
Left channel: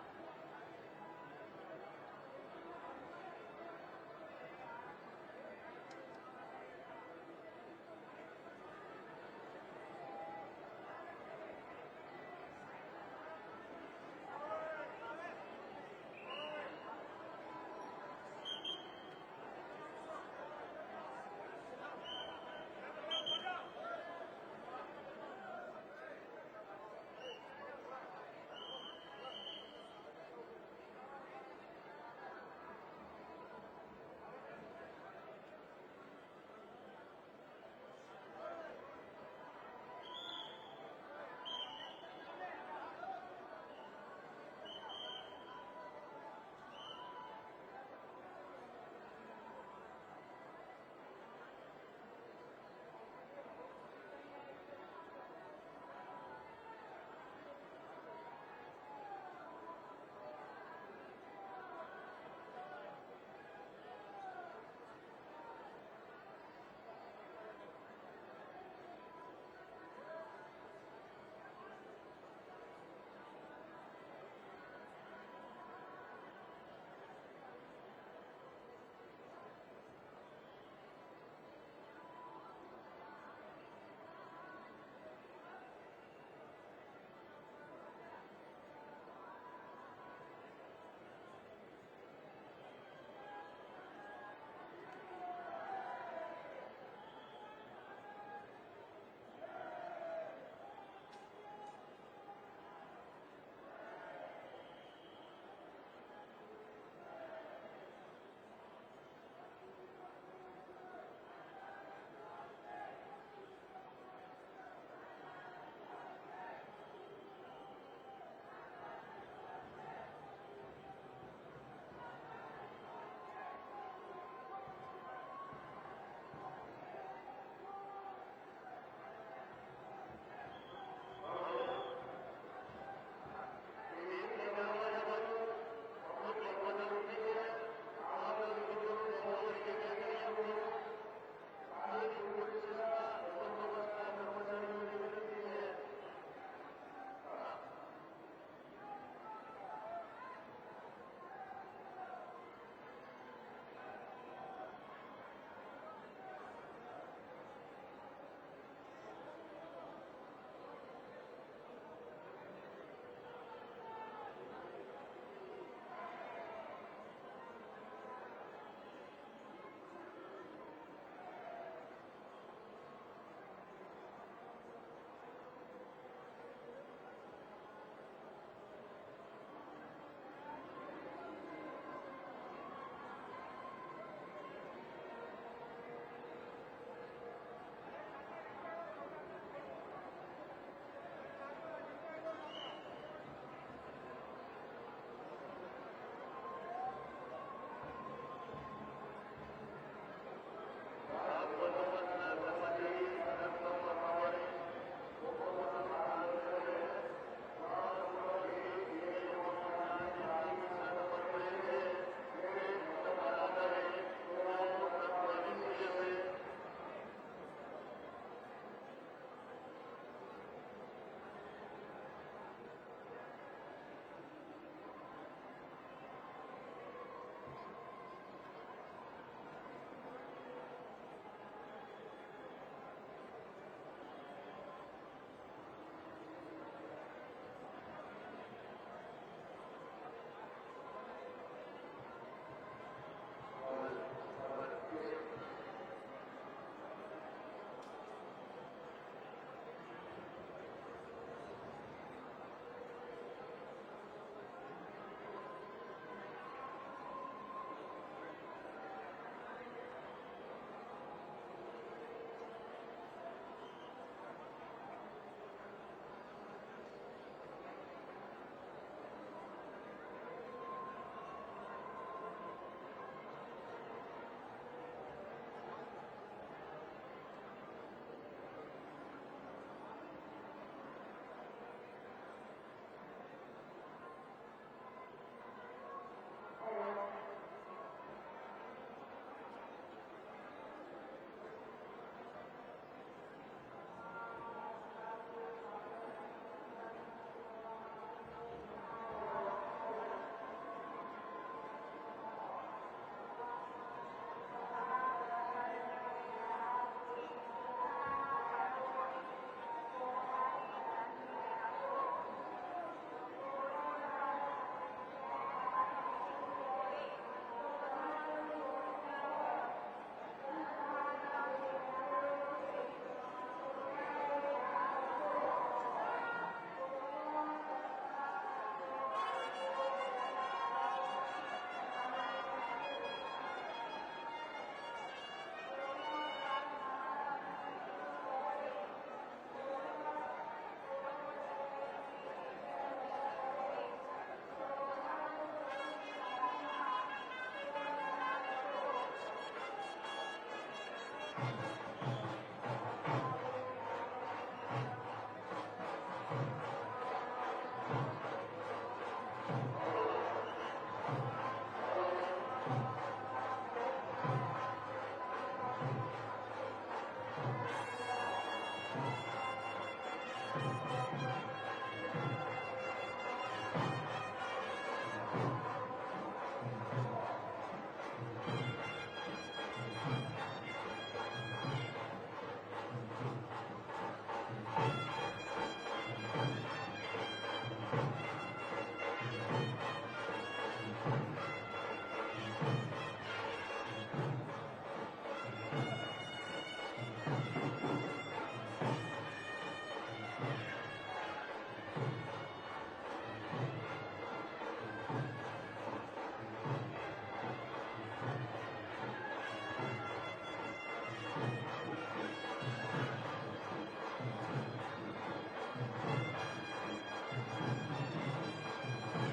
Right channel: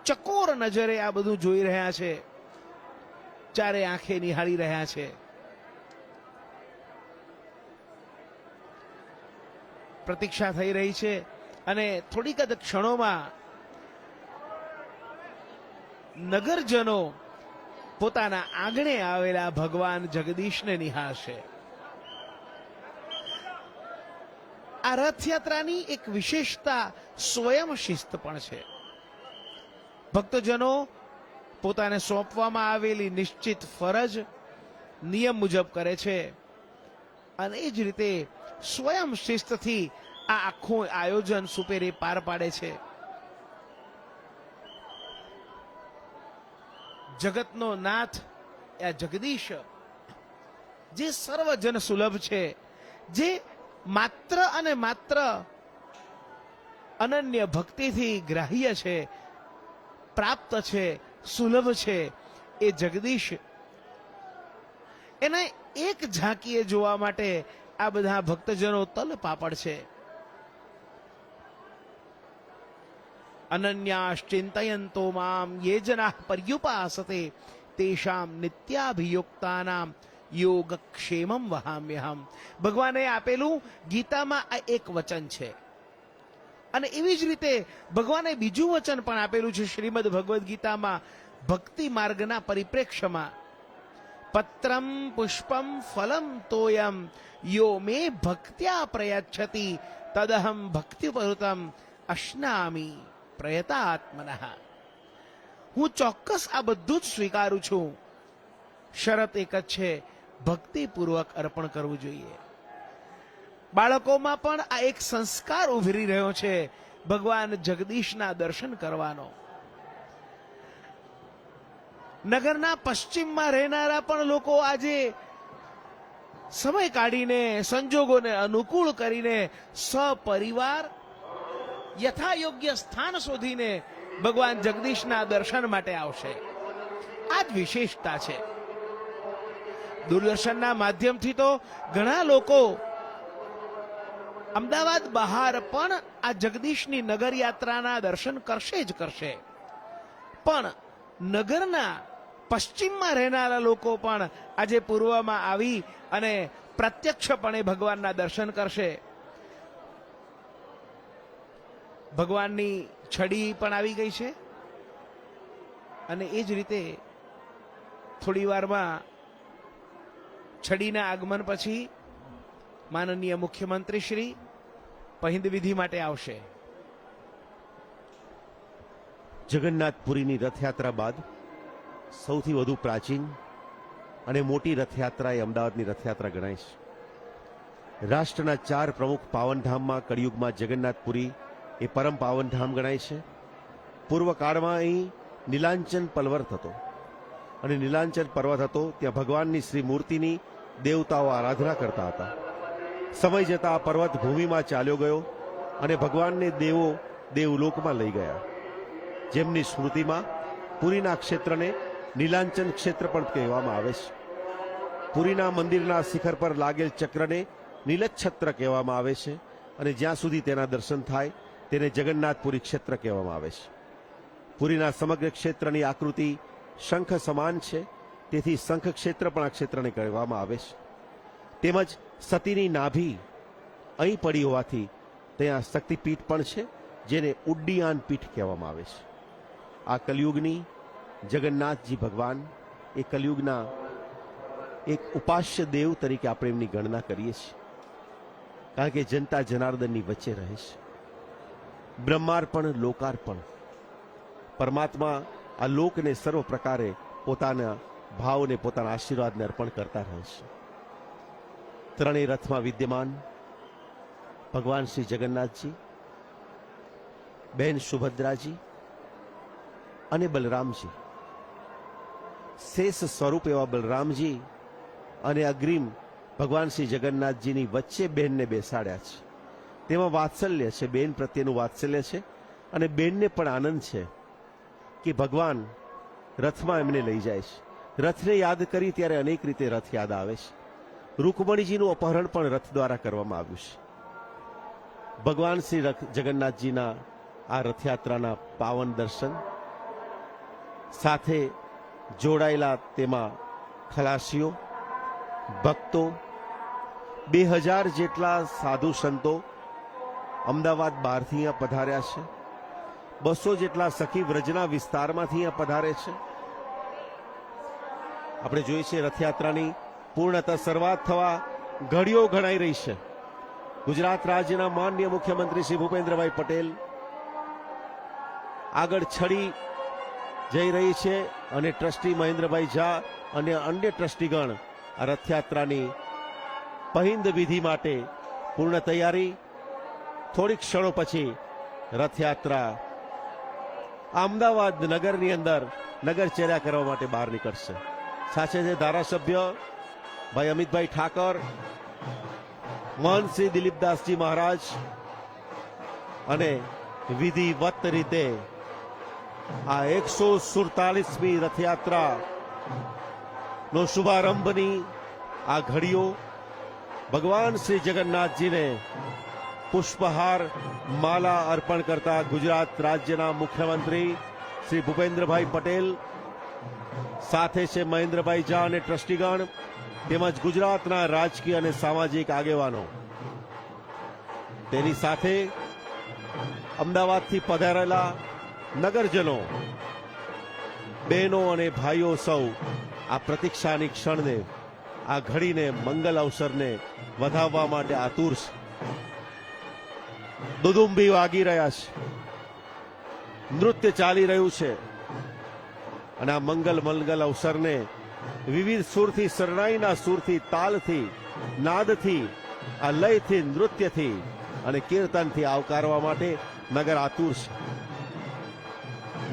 ચકોર નજરે આ બધું જોઈ રહ્યા છે, ચારે આંખે નિહાળી રહ્યા છે. પ્રતીક્ષા થઈ રહી છે અને થોડીક જ ક્ષણોમાં નગરજનો પોતાના આંગણે આવેલા ભગવાન જગદીશને નિહાળશે. આ રથયાત્રાની એક વિશેષતા સ્વયં શિસ્ત પણ છે. ભક્તજનો પોતાને સોંપવામાં આવેલી નિશ્ચિત ફરજ નિયમ મુજબ કરે છે અને એ જ રીતે સ્વયં શિસ્તથી આ આખું આયોજન સુપેરે પાર પાડે છે. જગતનો નાથ આ જગદીશ જે સર્વજન સુલભ છે, જે માત્ર અને માત્ર અનન્ય ભક્તિથી ગ્રાહ્ય છે, પ્રાપ્ત છે, સુલભ છે, એ જગદીશ એને એક ઝાંકીએ જોવા માટે આ બધા ભક્તજનો તલ પાપડ છે. અનન્યાશ્ચિંતયંતો મામ યે જનાઃ પર્યુપાસતે તેષામ નિત્યાભિયુક્તાનામ યોગક્ષેમં વહામ્યહમ. ભગવાને આપેલું ગીતામાં આ એક વચન છે અને એવી જ રીતે ભગવાને બીજું વચન પણ આપેલું છે શ્રીમદ ભગવદ્ ગીતામાં ભક્તિ માર્ગના પરિપ્રેક્ષ્યમાં. પત્રમ પુષ્પમ ફલમ તોયમ યો મે ભક્ત્યા પ્રયચ્છતિ તદહમ ભક્તિપરુતમ અશ્નામી પ્રયતાત્મનઃ. હું ચોક્કસ આ બધું જ સ્વીકારું છું, શરત એક જ છે, ભક્તિપૂર્વક અર્પણ કરવું જોઈએ. બાળકોમાં પણ આ એક સંસ્કાર ઉભરી રહ્યો છે ભગવાન જગદીશના દર્શન કરવાનો. નગરના પશ્ચિમમાં રહેનારા પણ લોકો આજે સમય કાઢીને સંજોગોને અનુકૂળ કરીને સપરિવાર યથાયોગ્ય સ્થાન શોધીને ભગવાન જગદીશના દર્શન માટે આવશે. આ જ વિશેષતા છે. દૂરદર્શનના માધ્યમથી તો ઘણા લોકો અમદાવાદ બહાર પણ આ જગદીશની નગર યાત્રાના દર્શન કરશે જ કરશે, પણ નગરના પશ્ચિમમાં રહેનારા લોકો પણ આજે પૂર્વમાં આવી અને પ્રત્યક્ષપણે ભગવાનના દર્શન કરશે. ભગવાનની છડી પણ આવી ગઈ છે અને એ જ રીતે થોડી વારમાં છડીના આગમન પછી માનનીય મુખ્યમંત્રી શ્રી પહિંદ વિધિ માટે આવશે. જગન્નાથપુરીની રથયાત્રા બાદ સૌથી વધુ પ્રાચીન અને મોટી રથયાત્રા એ અમદાવાદની રથયાત્રા ગણાય છે. રાષ્ટ્રના 4 પ્રમુખ પાવનધામમાં કળિયુગમાં જગન્નાથપુરી એ પરમ પાવનધામ ગણાય છે. પૂર્વ કાળમાં અહીં નીલાંચન પર્વત હતો અને નીલાંચન પર્વત હતો ત્યાં ભગવાનની શ્રી મૂર્તિની દેવતાઓ આરાધના કરતા હતા. સમય જતાં આ પર્વત ભૂમિમાં ચાલ્યો ગયો અને ભગવાનને દેવો દેવલોકમાં લઈ ગયા, જેમની સ્મૃતિમાં પુરીના ક્ષેત્રને નીલાંચન ક્ષેત્ર પણ કહેવામાં આવે છે. પુરીના મંદિરના શિખર પર લાગેલ ચક્રને નીલચ્છત્ર કહેવામાં આવે છે અને જ્યાં સુધી તેના દર્શન થાય તેને જગન્નાથપુરી ક્ષેત્ર કહેવામાં આવે છે. પુરીના સમગ્ર ક્ષેત્રની આકૃતિ શંખ સમાન છે, તેથી શંખ ક્ષેત્ર પણ આ ક્ષેત્રને કહેવામાં આવે છે. તેમજ સતીની નાભી અહીં પડી હોવાથી ત્યાં શક્તિપીઠ પણ છે જેને ઉડ્ડિયાન પીઠ કહેવામાં આવે છે. આ કલયુગની જગન્નાથજી ભગવાન એ કલયુગના એક ઉપાસ્ય દેવ તરીકે આપણે એમની ગણના કરીએ છીએ, કારણ કે જનતા જનાર્દનની વચ્ચે રહે છે. બ્રહ્માર્પણ લોકાર્પણ, પરમાત્મા આ લોકને સર્વ પ્રકારે પોતાના ભાવને પોતાના આશીર્વાદને અર્પણ કરતા રહે છે. ત્રણેય રથમાં વિદ્યમાન ભગવાન શ્રી જગન્નાથજી, બહેન સુભદ્રાજી અને બલરામજી, શેષ સ્વરૂપ એવા બલરામજી અને અગ્રીમ ભગવાન શ્રી જગન્નાથજીની વચ્ચે બેનને બેસાડ્યા છે. તેમાં વાત્સલ્ય છે, બેન પ્રત્યેનું વાત્સલ્ય છે, અને બેનને પણ આનંદ છે કે ભગવાન રથમાં એમને લઈ જાય છે. રથને યાદ કરી ત્યારે અનેક રીતે રથ યાદ આવે છે. રૂકમણીજીનું અપહરણ પણ રથ દ્વારા કરવામાં આવ્યું છે. ભગવાન શ્રી જગન્નાથજીના આ રથયાત્રાના પાવન દર્શન સાથે જોડાયેલા તેમાં ખલાસીઓ, ભક્તો, 2000 જેટલા સાધુ સંતો અમદાવાદ બહારથી અહીંયા પધાર્યા છે. 200 જેટલા સખી વ્રજના વિસ્તારમાંથી અહીંયા પધારે છે. આપણે જોઈએ છીએ રથયાત્રાની પૂર્ણતઃ શરૂઆત થવા ઘડીઓ ગણાઈ રહી છે. ગુજરાત રાજ્યના માનનીય મુખ્યમંત્રી શ્રી ભૂપેન્દ્રભાઈ પટેલ આગળ છડી જઈ રહી છે અને ટ્રસ્ટી મહેન્દ્રભાઈ ઝા અને અન્ય ટ્રસ્ટીગણ આ રથયાત્રાની પહિંદ વિધિ માટે પૂર્ણ તૈયારી. થોડીક ક્ષણો પછી રથયાત્રા અમદાવાદ નગરની અંદર નગરચર્યા કરવા માટે બહાર નીકળશે. સાથે છે ધારાસભ્ય ભાઈ અમિતભાઈ ઠાકર, મહંત શ્રી દિલીપદાસજી મહારાજ અને વિધિવત રીતે આ 147મી રથયાત્રા નો શુભારંભની આ ઘડીઓ ભગવાન શ્રી જગન્નાથજીને પુષ્પહાર માલા અર્પણ કરતા ગુજરાત રાજ્યના મુખ્યમંત્રી શ્રી ભૂપેન્દ્રભાઈ પટેલ, સાથે છે મહેન્દ્રભાઈ ઝા અને ટ્રસ્ટીગણ તેમજ ગુજરાતના રાજકીય અને સામાજિક આગેવાનો. તેની સાથે અમદાવાદથી પધારેલા નગરજનો, બહેનો અને ભાઈઓ સૌ આ પ્રતીક્ષાની ક્ષણને, આ ઘડીને, મંગલ અવસરને વધાવવા માટે આતુર છે. દુદુંબી વાગી રહ્યા છે, નૃત્ય ચાલી રહ્યું છે અને આ મંગલ અવસરને વિવિધ સુરથી, શરણાઈના સુરથી, તાલથી, નાદથી, આ લયથી, નૃત્યથી અને કીર્તનથી આવકારવા માટે નગર આતુર છે.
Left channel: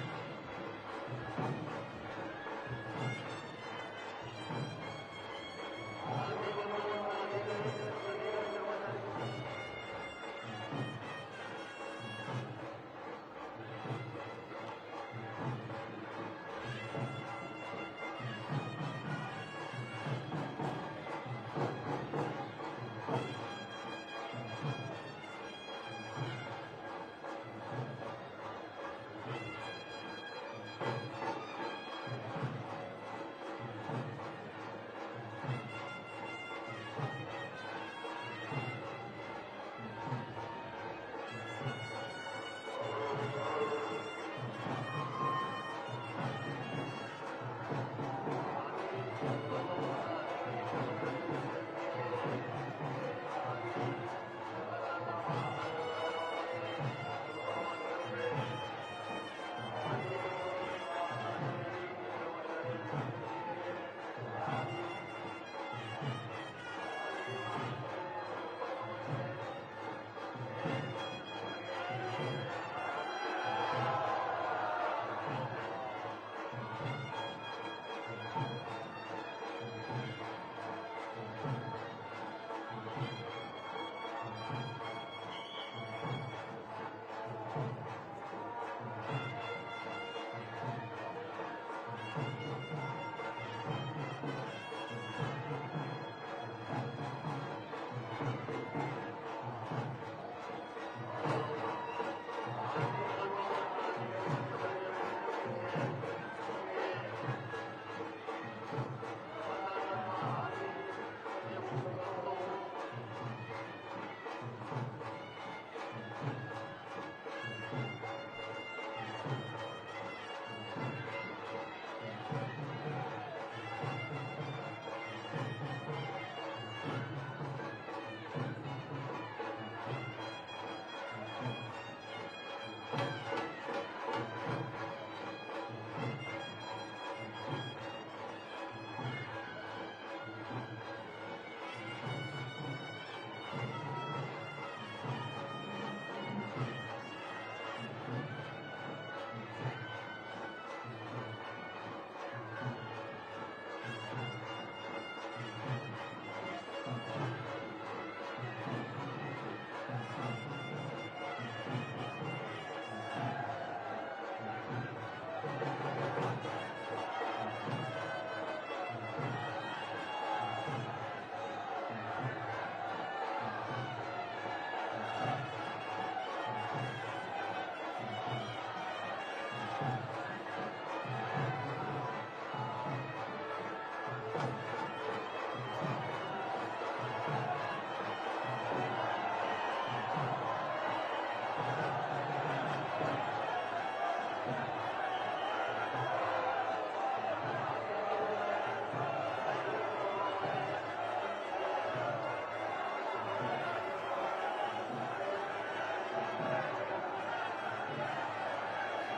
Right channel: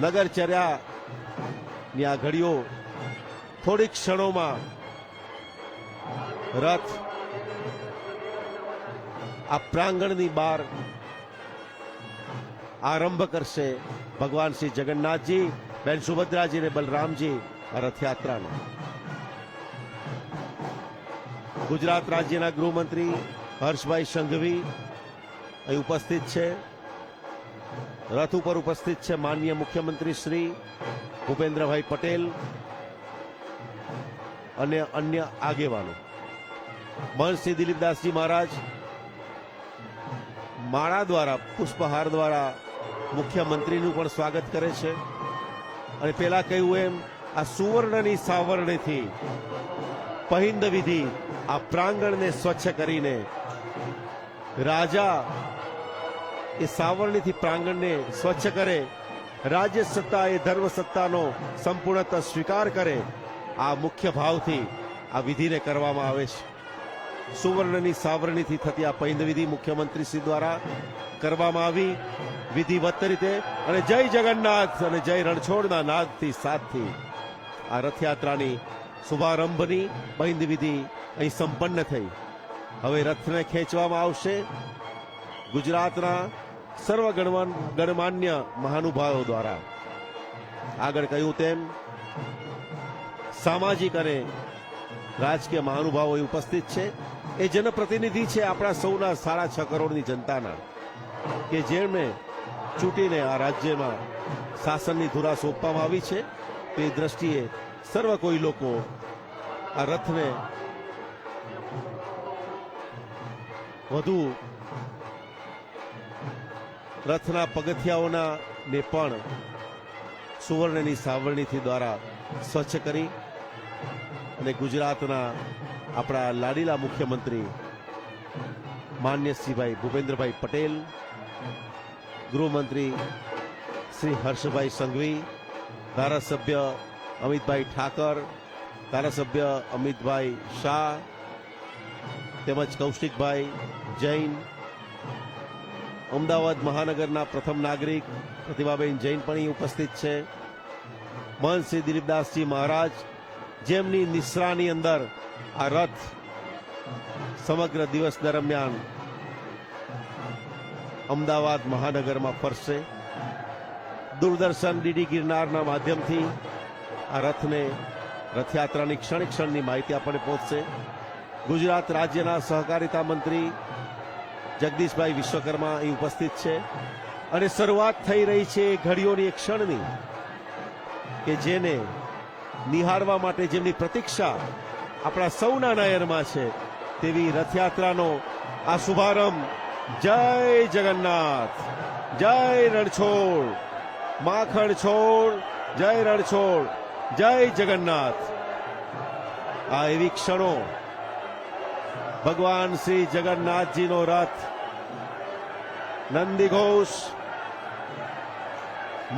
નગરચર્યાની આ ઘડીઓ થોડીક ક્ષણોમાં રથ આ પ્રાંગણની બહાર આરંભ કરશે. ભગવાન શ્રી જગન્નાથજી, બેન સુભદ્રાજી અને બલરામજી આ રથયાત્રાને. ગુજરાત રાજ્યના ગૃહમંત્રી હર્ષભાઈ સંઘવી અહીં ઉપસ્થિત છે. રથ ઉપર ઉપસ્થિત છે માનનીય મુખ્યમંત્રી શ્રી ભૂપેન્દ્રભાઈ પટેલ અને અન્ય આગેવાનો. મહંત શ્રી દિલીપદાસજી મહારાજ માળા દ્વારા, પુષ્પહાર દ્વારા મુખ્યમંત્રીનું પણ સ્વાગત કરે છે. અને પેલા કહ્યું એમ આ સુવર્ણની સાવરણીથી પહિંદ વિધિ આ પ્રાંગણને સ્વચ્છ કરીને રાજા એ સાવરણીથી પ્રાંગણને સ્વચ્છ કરે, રાજ્ય સત્તા એ ધર્મ સત્તાનો સંપૂર્ણતઃ સ્વીકાર કરે, આ મુખ્ય ભાવથી આ વિધિને કરવામાં આવે છે. સુવર્ણની સાવરણીથી થતી આ પહિંદ વિધિ મુખ્યમંત્રી શ્રી દ્વારા કરવામાં આવી વિધિવત રીતે. અને જય જગન્નાથ અને જય રણછોડના નાદથી સાથથી આ રથયાત્રાની શુભારંભની પહિંદ વિધિ અહીં સંપન્ન થઈ. હવે રથને ખેંચવામાં આવશે ગુજરાતના સર્વ ગણમાન્ય મહાનુભાવો દ્વારા. આગળ કહ્યું તેમ સામાજિક અને રાજકીય મહાનુભાવો ઉપસ્થિત છે. એ જનપ્રતિનિધિ છે આપણા સૌના 6.5 કરોડની જનતાના, કે જેમને ચૂંટીને આ રાજ્યમાં શાસનની ધુરા સોંપવામાં આવી છે. તે દ્રષ્ટિએ સર્વ કોઈ લોકો આ રથને વધુ રથના પગથિયાઓના ને પણ સુવર્ણની સાવરણીથી દ્વારા સ્વચ્છ કરી અને ગુજરાતના આપણા લાડીલા મુખ્યમંત્રી માન્ય શ્રીભાઈ ભૂપેન્દ્રભાઈ પટેલ, ગૃહમંત્રી શ્રી હર્ષભાઈ સંઘવી, ધારાસભ્ય અમિતભાઈ ઠાકર, ધારાસભ્ય અમિતભાઈ શાહ તેમજ કૌશિકભાઈ જૈન, અમદાવાદ મહાનગરના પ્રથમ નાગરિક પ્રતિભાબેન જૈન પણ અહીં ઉપસ્થિત છે, મહંત શ્રી દિલીપદાસજી મહારાજ જેમની નિશ્રાની અંદર આ રથ સમગ્ર દિવસ દરમિયાન અમદાવાદ મહાનગરમાં ફરશે. દૂરદર્શન ડીડી ગિરનારના માધ્યમથી આ રથને રથયાત્રાની ક્ષણ ક્ષણની માહિતી આપણને પહોંચશે. ગુજરાત રાજ્યના સહકારિતા મંત્રી જગદીશભાઈ વિશ્વકર્મા અહીં ઉપસ્થિત છે અને શરૂઆત થઈ રહી છે ઘડીઓની એક ક્ષણની કે જેને નિહાળવા માટે જેમની પ્રતીક્ષા આપણા સૌના નયનમાં છે તેવી રથયાત્રાનો આ શુભારંભ. જય જગન્નાથ, જય રણછોડ, માખણ છોડ, જય રણછોડ, જય જગન્નાથ. આ એવી ક્ષણો ભગવાન શ્રી જગન્નાથજીનો રથ નંદીઘોષ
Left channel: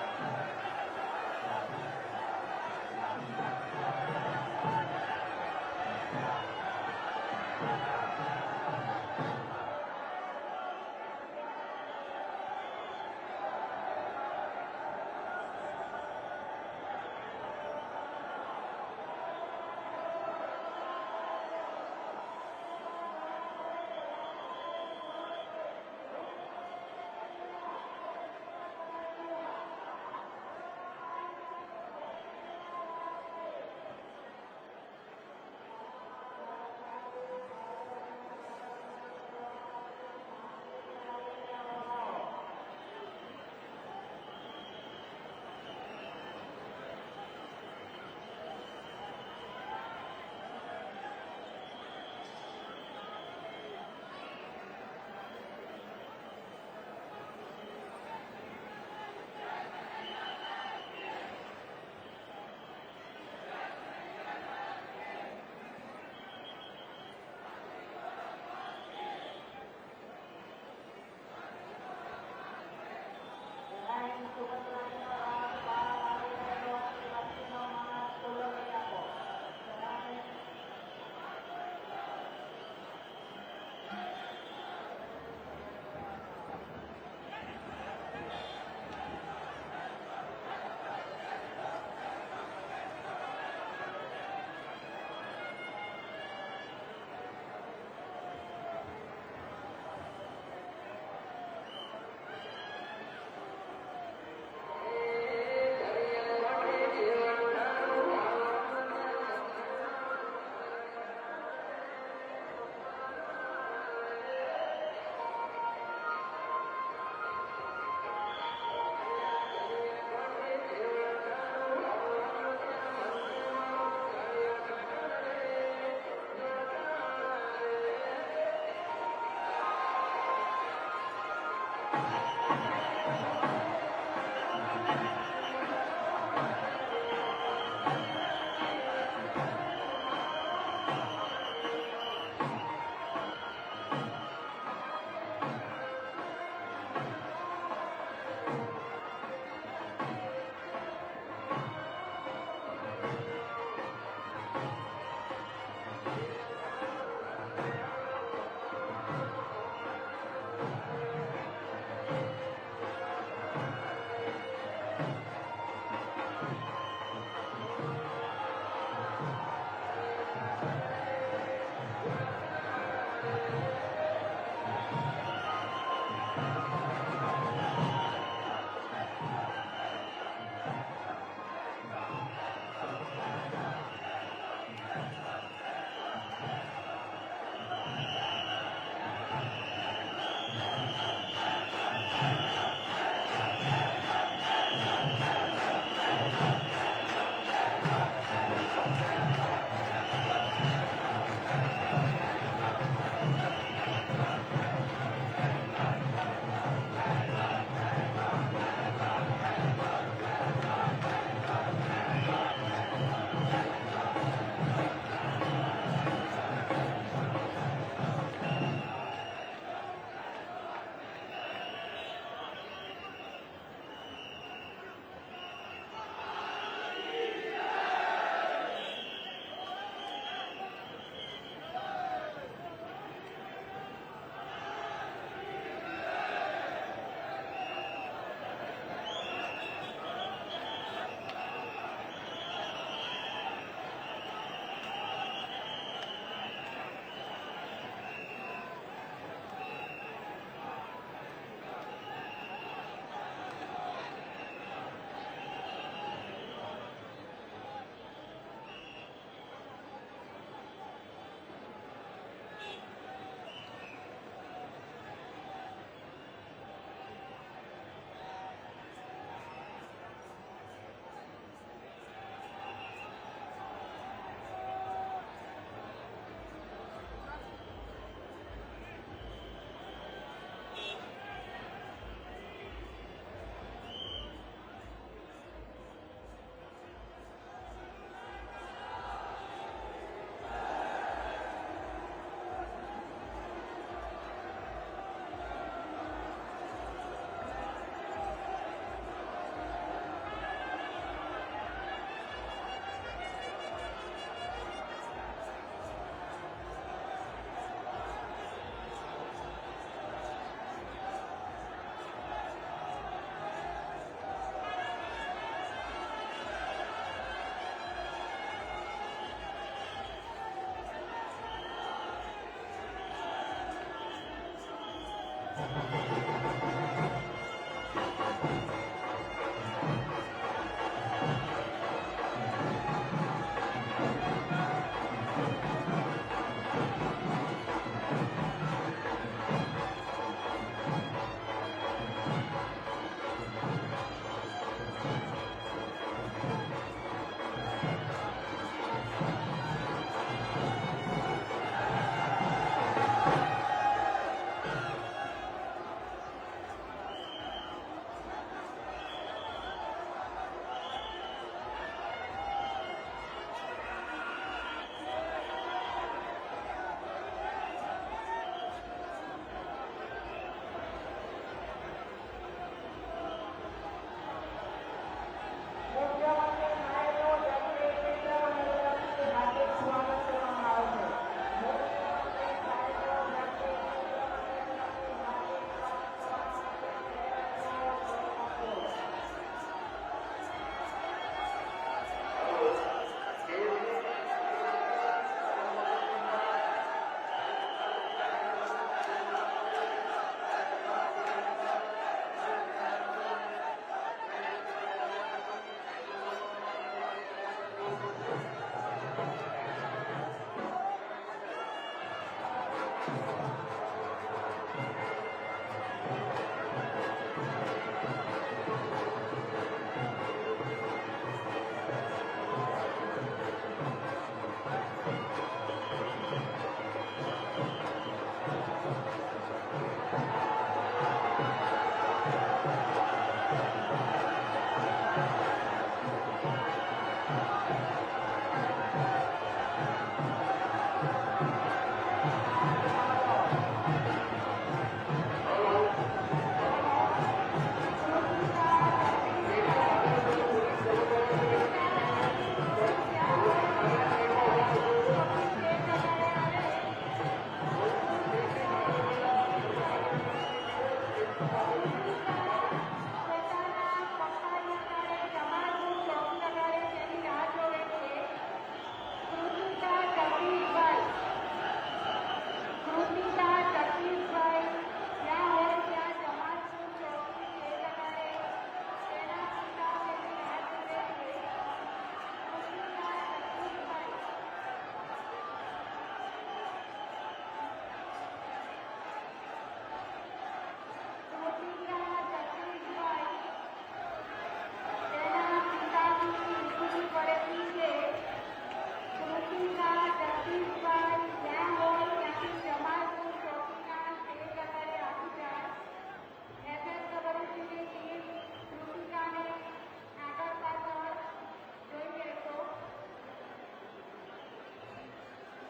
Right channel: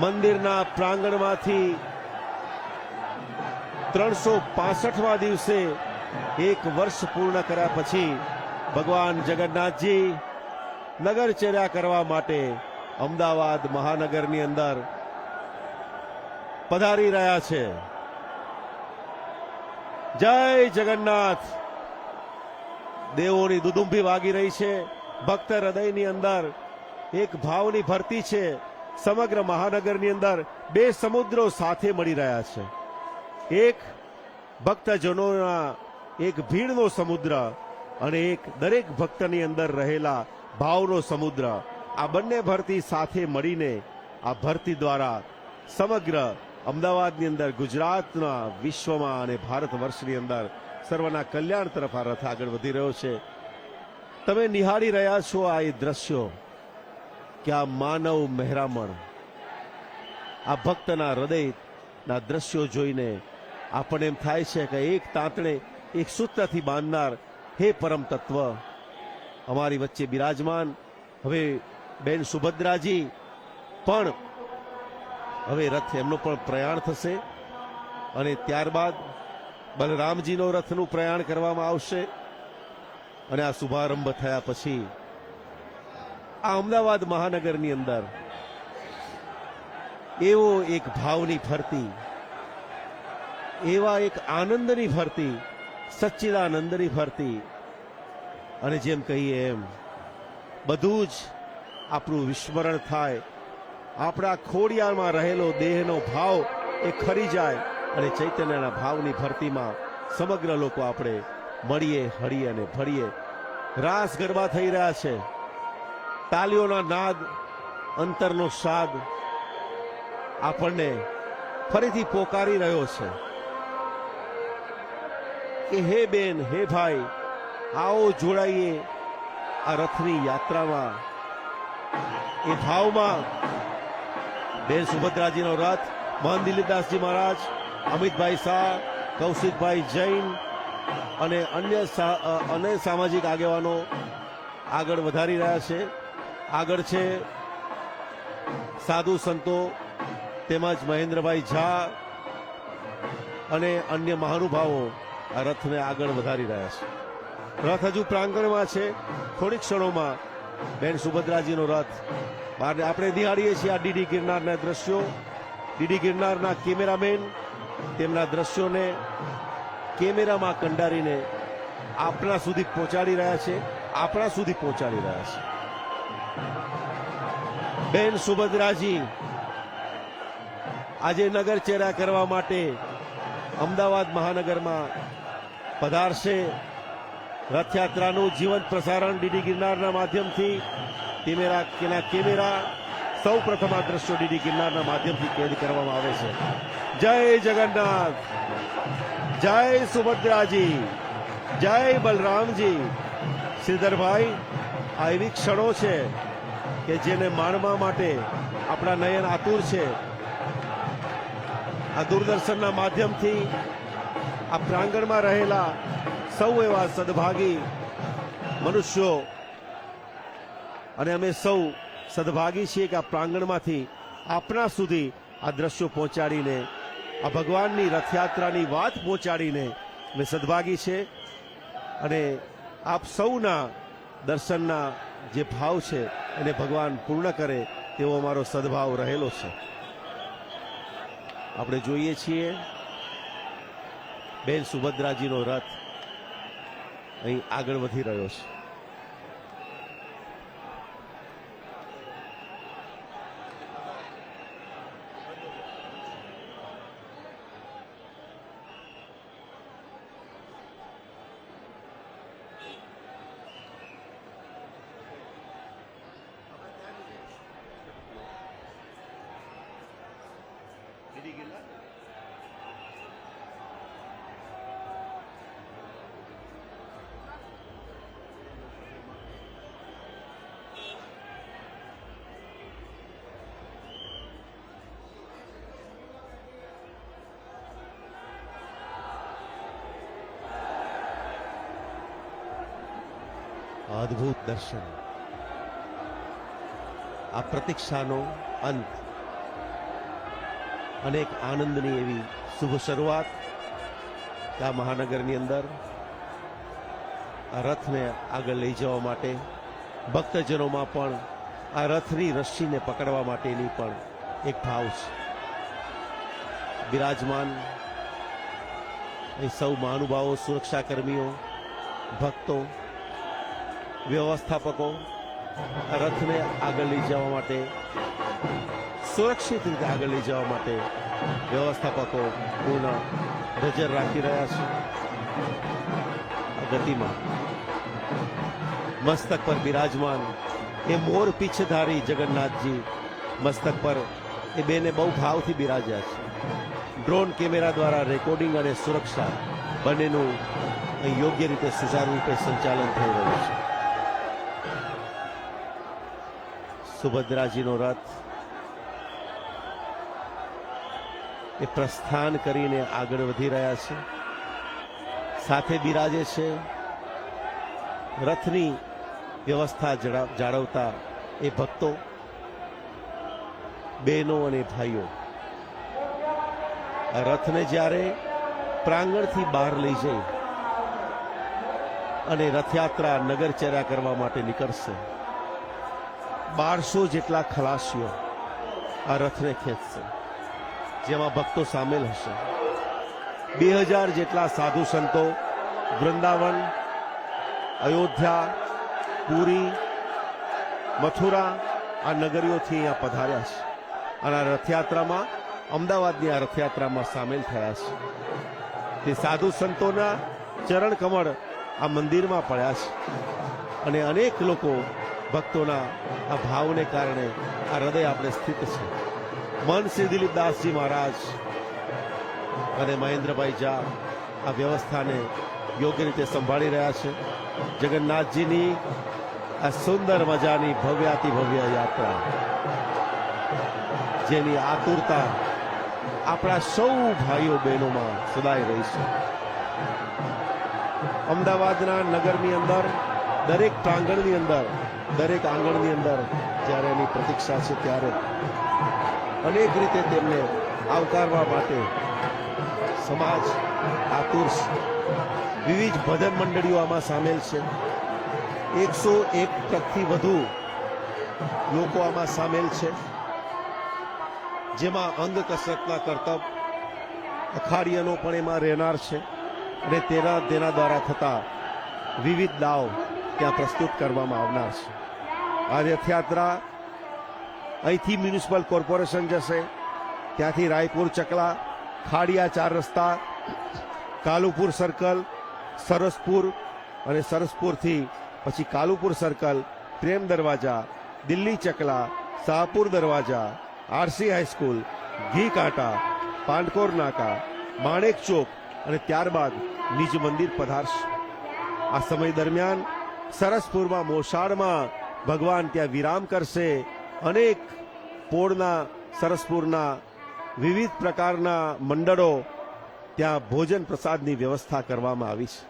મંદિરના પ્રાંગણમાંથી 365મા દિવસે એક વર્ષ પૂર્ણ કર્યા પછી ભગવાન જગન્નાથજી નગરચર્યા કરવા માટે અમદાવાદ મહાનગરની અંદર પધારી રહ્યા છે. જય જગન્નાથ. દેવોની દુદુંભી વાગી રહી છે. ભક્ત હૃદયની અંદર એક ભાવની ભરતી છે. સમગ્ર મહાનગરની અંદર બે સમુદ્રો સાથે મળી રહ્યા છે. એક ભક્તજનોના એક ભીડનો સમુદ્ર અને એક દરેક ભક્તની અંદર રહેલા ભાવનો સમુદ્ર. આ બંને ભરતી સાથે મળીને આ ભરતી દ્વારા સમગ્ર અમદાવાદની અંદર, ગુજરાતના, વિશ્વમાં અને ભારત વર્ષની અંદર સર્વના કલ્યાણ તરફ આ રથ આગળ વધી રહ્યો છે. તમે નિહાળી રહ્યા છો આ એ દ્રશ્યો કે આ માનવ મહેરામણ, આ ભક્તના હૃદયના દ્રશ્યો જોઈને આપણને એમ થાય છે કે એક તાંતણે એક સૂત્રથી બાંધનાર હે પરમ તત્વ અમારી વચ્ચે બિરાજમાન. હવે બેન સુભદ્રાજી પણ હવે રથ એમનો પણ પ્રયાણ થશે અને ત્યારબાદ બલરામજીનો રથનું પ્રયાણ કરવામાં આવશે. અને આ શુભારંભ થયા પછી આ અમદાવાદ મહાનગરની અંદર એવો એક ભાવની ફરતી, એવા એક આનંદની ફરતી, સચ્ચિદાનંદની ફરતી અને જેમ કહીએ એમ બધું જ આપણું વિસ્મરણ થાય. આપણા ખોડિયારમાં રહેલો દેહનો ભાવ એ ખરી જાય અને ચૈતન્યના ભાવની ફરતીમાં સમગ્ર લોકો આપણે મળીએ, હળીએ અને ફળીએ. રાસ ગરબા થઈ રહ્યા છે. તાલીઓના નાદ, અંતરનો સાદ આપણને ફરીથી પોકારી રહ્યો છે કે હે બેન, હે ભાઈ, આવો જોડાઈએ આ રથની યાત્રામાં. એ ભાવમાં બેન સુભદ્રાજીનો રથ, મહંત દિલીપદાસજી મહારાજ, અમિતભાઈ શાહ, કૌશિકભાઈ જૈન અને અન્ય સામાજિક આગેવાનો આગળ વધારી રહ્યા છે. આગળ છે સાધુ સંતો તેમજ મહેન્દ્રભાઈ ઝા અને અન્ય મહાનુભાવો આ રથને આગળ વધારી રહ્યા છે. રથ હજુ પ્રાંગણમાં છે. થોડીક ક્ષણોમાં બેન સુભદ્રાજીનો રથ આપણે નિહાળીએ છીએ. આ ડીડી ગિરનારના દ્રશ્યો, ડીડી ગિરનારના કેમેરામેન તેમના દ્રશ્યોને કેમેરામાં કંડારીને આપણા સુધી પહોંચાડી રહ્યા છે. બેન સુભદ્રાજી આજે નગરચર્યા કરવા માટે અમદાવાદ મહાનગરમાં પધારશે. રથયાત્રાનું જીવંત પ્રસારણ ડીડી ગિરનારના માધ્યમથી કેમેરા સૌ પ્રથમ આ દ્રશ્યો ડીડી ગિરનારના માધ્યમથી કેદ કરવામાં આવે છે. જય જગન્નાથ, જય સુભદ્રાજી, જય બલરામજી. શ્રીધરભાઈ, આ એવી ક્ષણો છે કે કે જેને માણવા માટે આપણા નયન આતુર છે. આ દૂરદર્શનના માધ્યમથી આ પ્રાંગણમાં રહેલા સૌ એવા સદભાગી મનુષ્યો અને અમે સૌ સદભાગી છીએ કે આ પ્રાંગણમાંથી આપણા સુધી આ દ્રશ્યો પહોંચાડીને આ ભગવાનની રથયાત્રાની વાત પહોંચાડીને અમે સદભાગી છે. અને આપ સૌના દર્શનના જે ભાવ છે એને ભગવાન પૂર્ણ કરે તેવો અમારો સદભાવ રહેલો છે. આપણે જોઈએ છીએ બેન સુભદ્રાજીનો રથ અહીં આગળ વધી રહ્યો છે. અદ્ભુત દર્શન, આ પ્રતીક્ષાનો અંત અને એક આનંદની એવી શુભ શરૂઆત. આ મહાનગરની અંદર આ રથને આગળ લઈ જવા માટે ભક્તજનોમાં પણ આ રથની રસ્સીને પકડવા માટેની પણ એક ભાવ છે. બિરાજમાન એ સૌ મહાનુભાવો, સુરક્ષા કર્મીઓ, ભક્તો, વ્યવસ્થાપકો રથને આગળ લઈ જવા માટે, સુરક્ષિત રીતે આગળ લઈ જવા માટે વ્યવસ્થાપકો પૂર્ણ નજર રાખી રહ્યા છે. ગતિમાં મસ્તક પર બિરાજમાન એ મોર પીછધારી જગન્નાથજી મસ્તક પર એ બેને બહુ ભાવથી બિરાજ્યા છે. ડ્રોન કેમેરા દ્વારા રેકોર્ડિંગ અને સુરક્ષા બંનેનું યોગ્ય રીતે સુચારુ રીતે સંચાલન થઈ રહ્યું છે. સુભદ્રાજીનો રથ એ પ્રસ્થાન કરીને આગળ વધી રહ્યા છે. સાથે બિરાજે છે રથની વ્યવસ્થા જાળવતા એ ભક્તો, બહેનો અને ભાઈઓ. આ રથને જ્યારે પ્રાંગણથી બહાર લઈ જઈ અને રથયાત્રા નગરચર્યા કરવા માટે નીકળશે, 1200 જેટલા ખલાસીઓ આ રથને ખેંચશે, જેમાં ભક્તો સામેલ હશે. 2000 જેટલા સાધુ સંતો વૃંદાવન, અયોધ્યા, પુરી, મથુરા આ નગરીઓથી અહીંયા પધાર્યા છે અને આ રથયાત્રામાં, અમદાવાદની આ રથયાત્રામાં સામેલ થયા છે. તે સાધુ સંતોના ચરણ કમળ આ મંદિરમાં પડ્યા છે અને અનેક લોકો ભક્તોના આ ભાવને કારણે આ હૃદય આપણે સ્થિત છે. મન શ્રી દિલીપદાસજી મહારાજ અને મહેન્દ્રભાઈ ઝા આ વ્યવસ્થાને યોગ્ય રીતે સંભાળી રહ્યા છે. જગન્નાથજીની આ સુંદર મજાની ભવ્યાતિ ભવ્ય યાત્રા, જેની આતુરતા આપણા સૌ ભાઈઓ બહેનોમાં સદાય રહી છે. અમદાવાદના નગરની અંદર દરેક પ્રાંગણની અંદર, દરેક આંગણની અંદર જ્યારે એની પ્રતીક્ષા છે ત્યારે અનેક રીતે તેમને આવકારવા માટે સમાજ આતુર છે. વિવિધ ભજન મંડળીઓ આમાં સામેલ છે. 101 થી વધુ લોકો આમાં સામેલ છે, જેમાં અંગ કસરતના કરતબ અખાડિયાનો પણ એમાં રહેનાર છે અને તેના દ્વારા થતા વિવિધ દાવ ત્યાં પ્રસ્તુત કરવામાં આવનાર છે. આ રથયાત્રા અહીંથી મ્યુનિસિપલ કોર્પોરેશન જશે, ત્યાંથી રાયપુર ચકલા, ખાડિયા 4 રસ્તા, કાલુપુર સર્કલ, સરસપુર અને સરસપુરથી પછી કાલુપુર સર્કલ, પ્રેમ દરવાજા, દિલ્હી ચકલા, શાહપુર દરવાજા, આરસી હાઈસ્કૂલ, ઘી કાંટા, પાંડકોર નાકા, માણેક ચોક અને ત્યારબાદ નિજ મંદિર પધારશે. આ સમય દરમિયાન સરસપુરમાં મોસાળમાં ભગવાન ત્યાં વિરામ કરશે. અનેક પોળના સરસપુરના વિવિધ પ્રકારના મંડળો ત્યાં ભોજન પ્રસાદની વ્યવસ્થા કરવામાં આવી છે.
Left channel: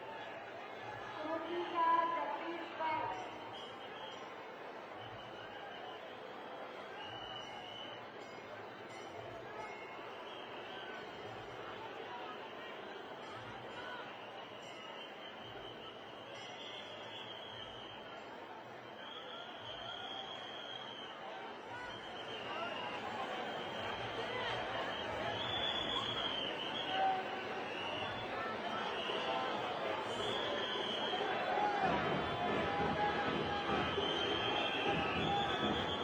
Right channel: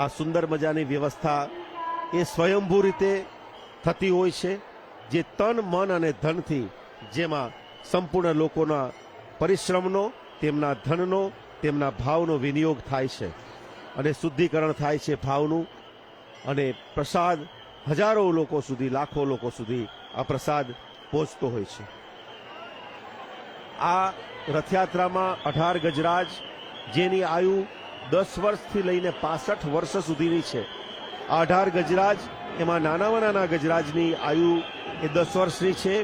આ સુંદર મજાની વ્યવસ્થા એ સ્વયંભૂ રીતે થતી હોય છે, જે તન મન અને ધનથી, જેમાં સંપૂર્ણ લોકોના પરિશ્રમનો, તેમના ધનનો, તેમના ભાવનો વિનિયોગ થાય છે અને શુદ્ધિકરણ થાય છે ભાવનું. અને પ્રસાદ હજારો લોકો સુધી, લાખો લોકો સુધી આ પ્રસાદ પહોંચતો હોય છે. આ રથયાત્રામાં 18 ગજરાજ, જેની આયુ 10 વર્ષથી લઈને 65 વર્ષ સુધીની છે. આ 18 ગજરાજ, એમાં નાનામાં નાના ગજરાજની આયુ એ 10 વર્ષની છે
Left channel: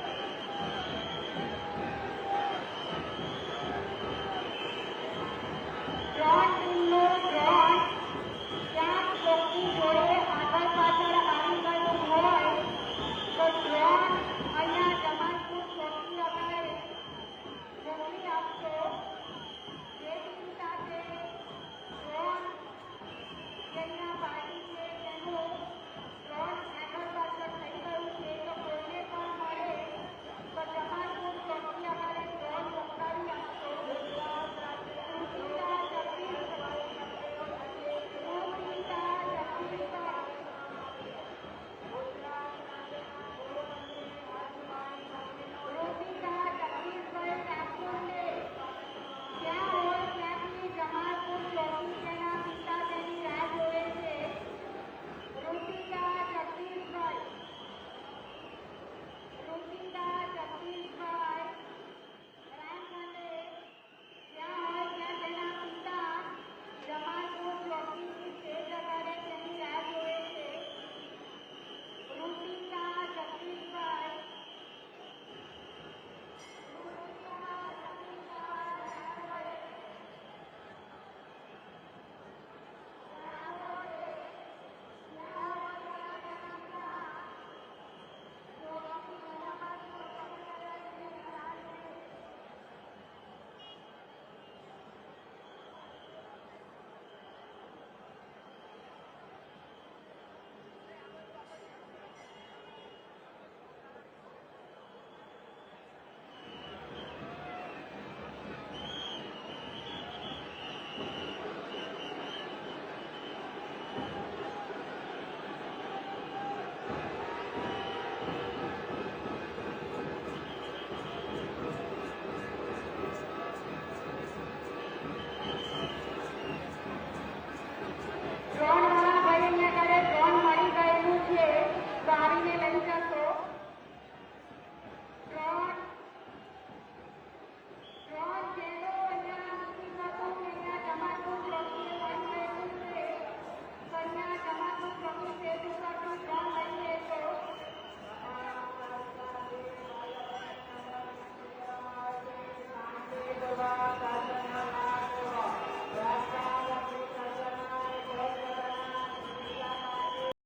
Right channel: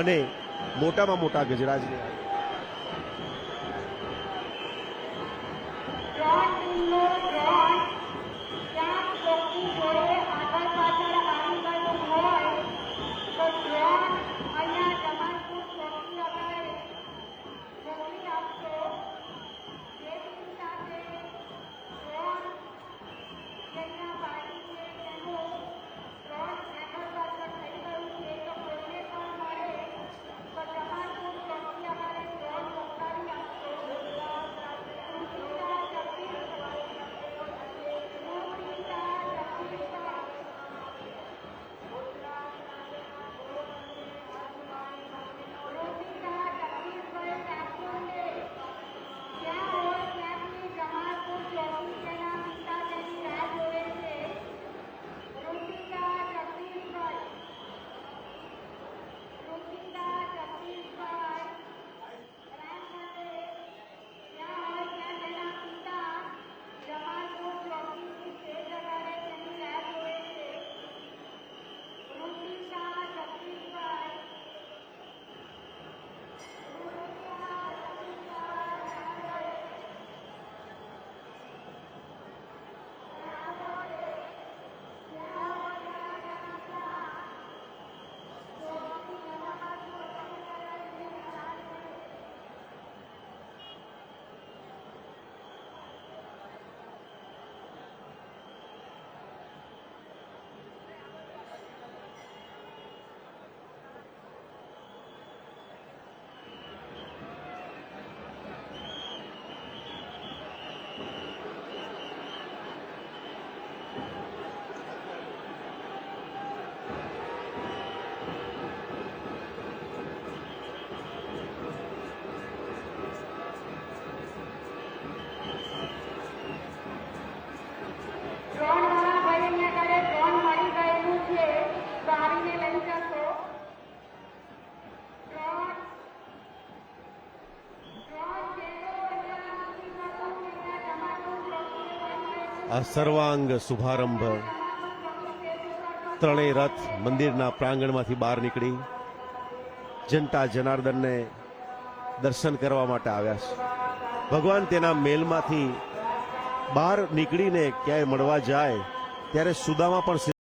અને મોટામાં મોટા ગજરાજ આ સર્વાંગ શુભારંભ. ત્રણેય રથ મંદિરના પ્રાંગણમાંથી બહાર નીકળી જનતા જનાર્દનને દર્શન કરવા માટે આવ્યા છે. ભગવાન તેના મેલમાંથી બહાર નીકળીને ક્યાંય મળવા જાય ત્યારે સુદામા પણ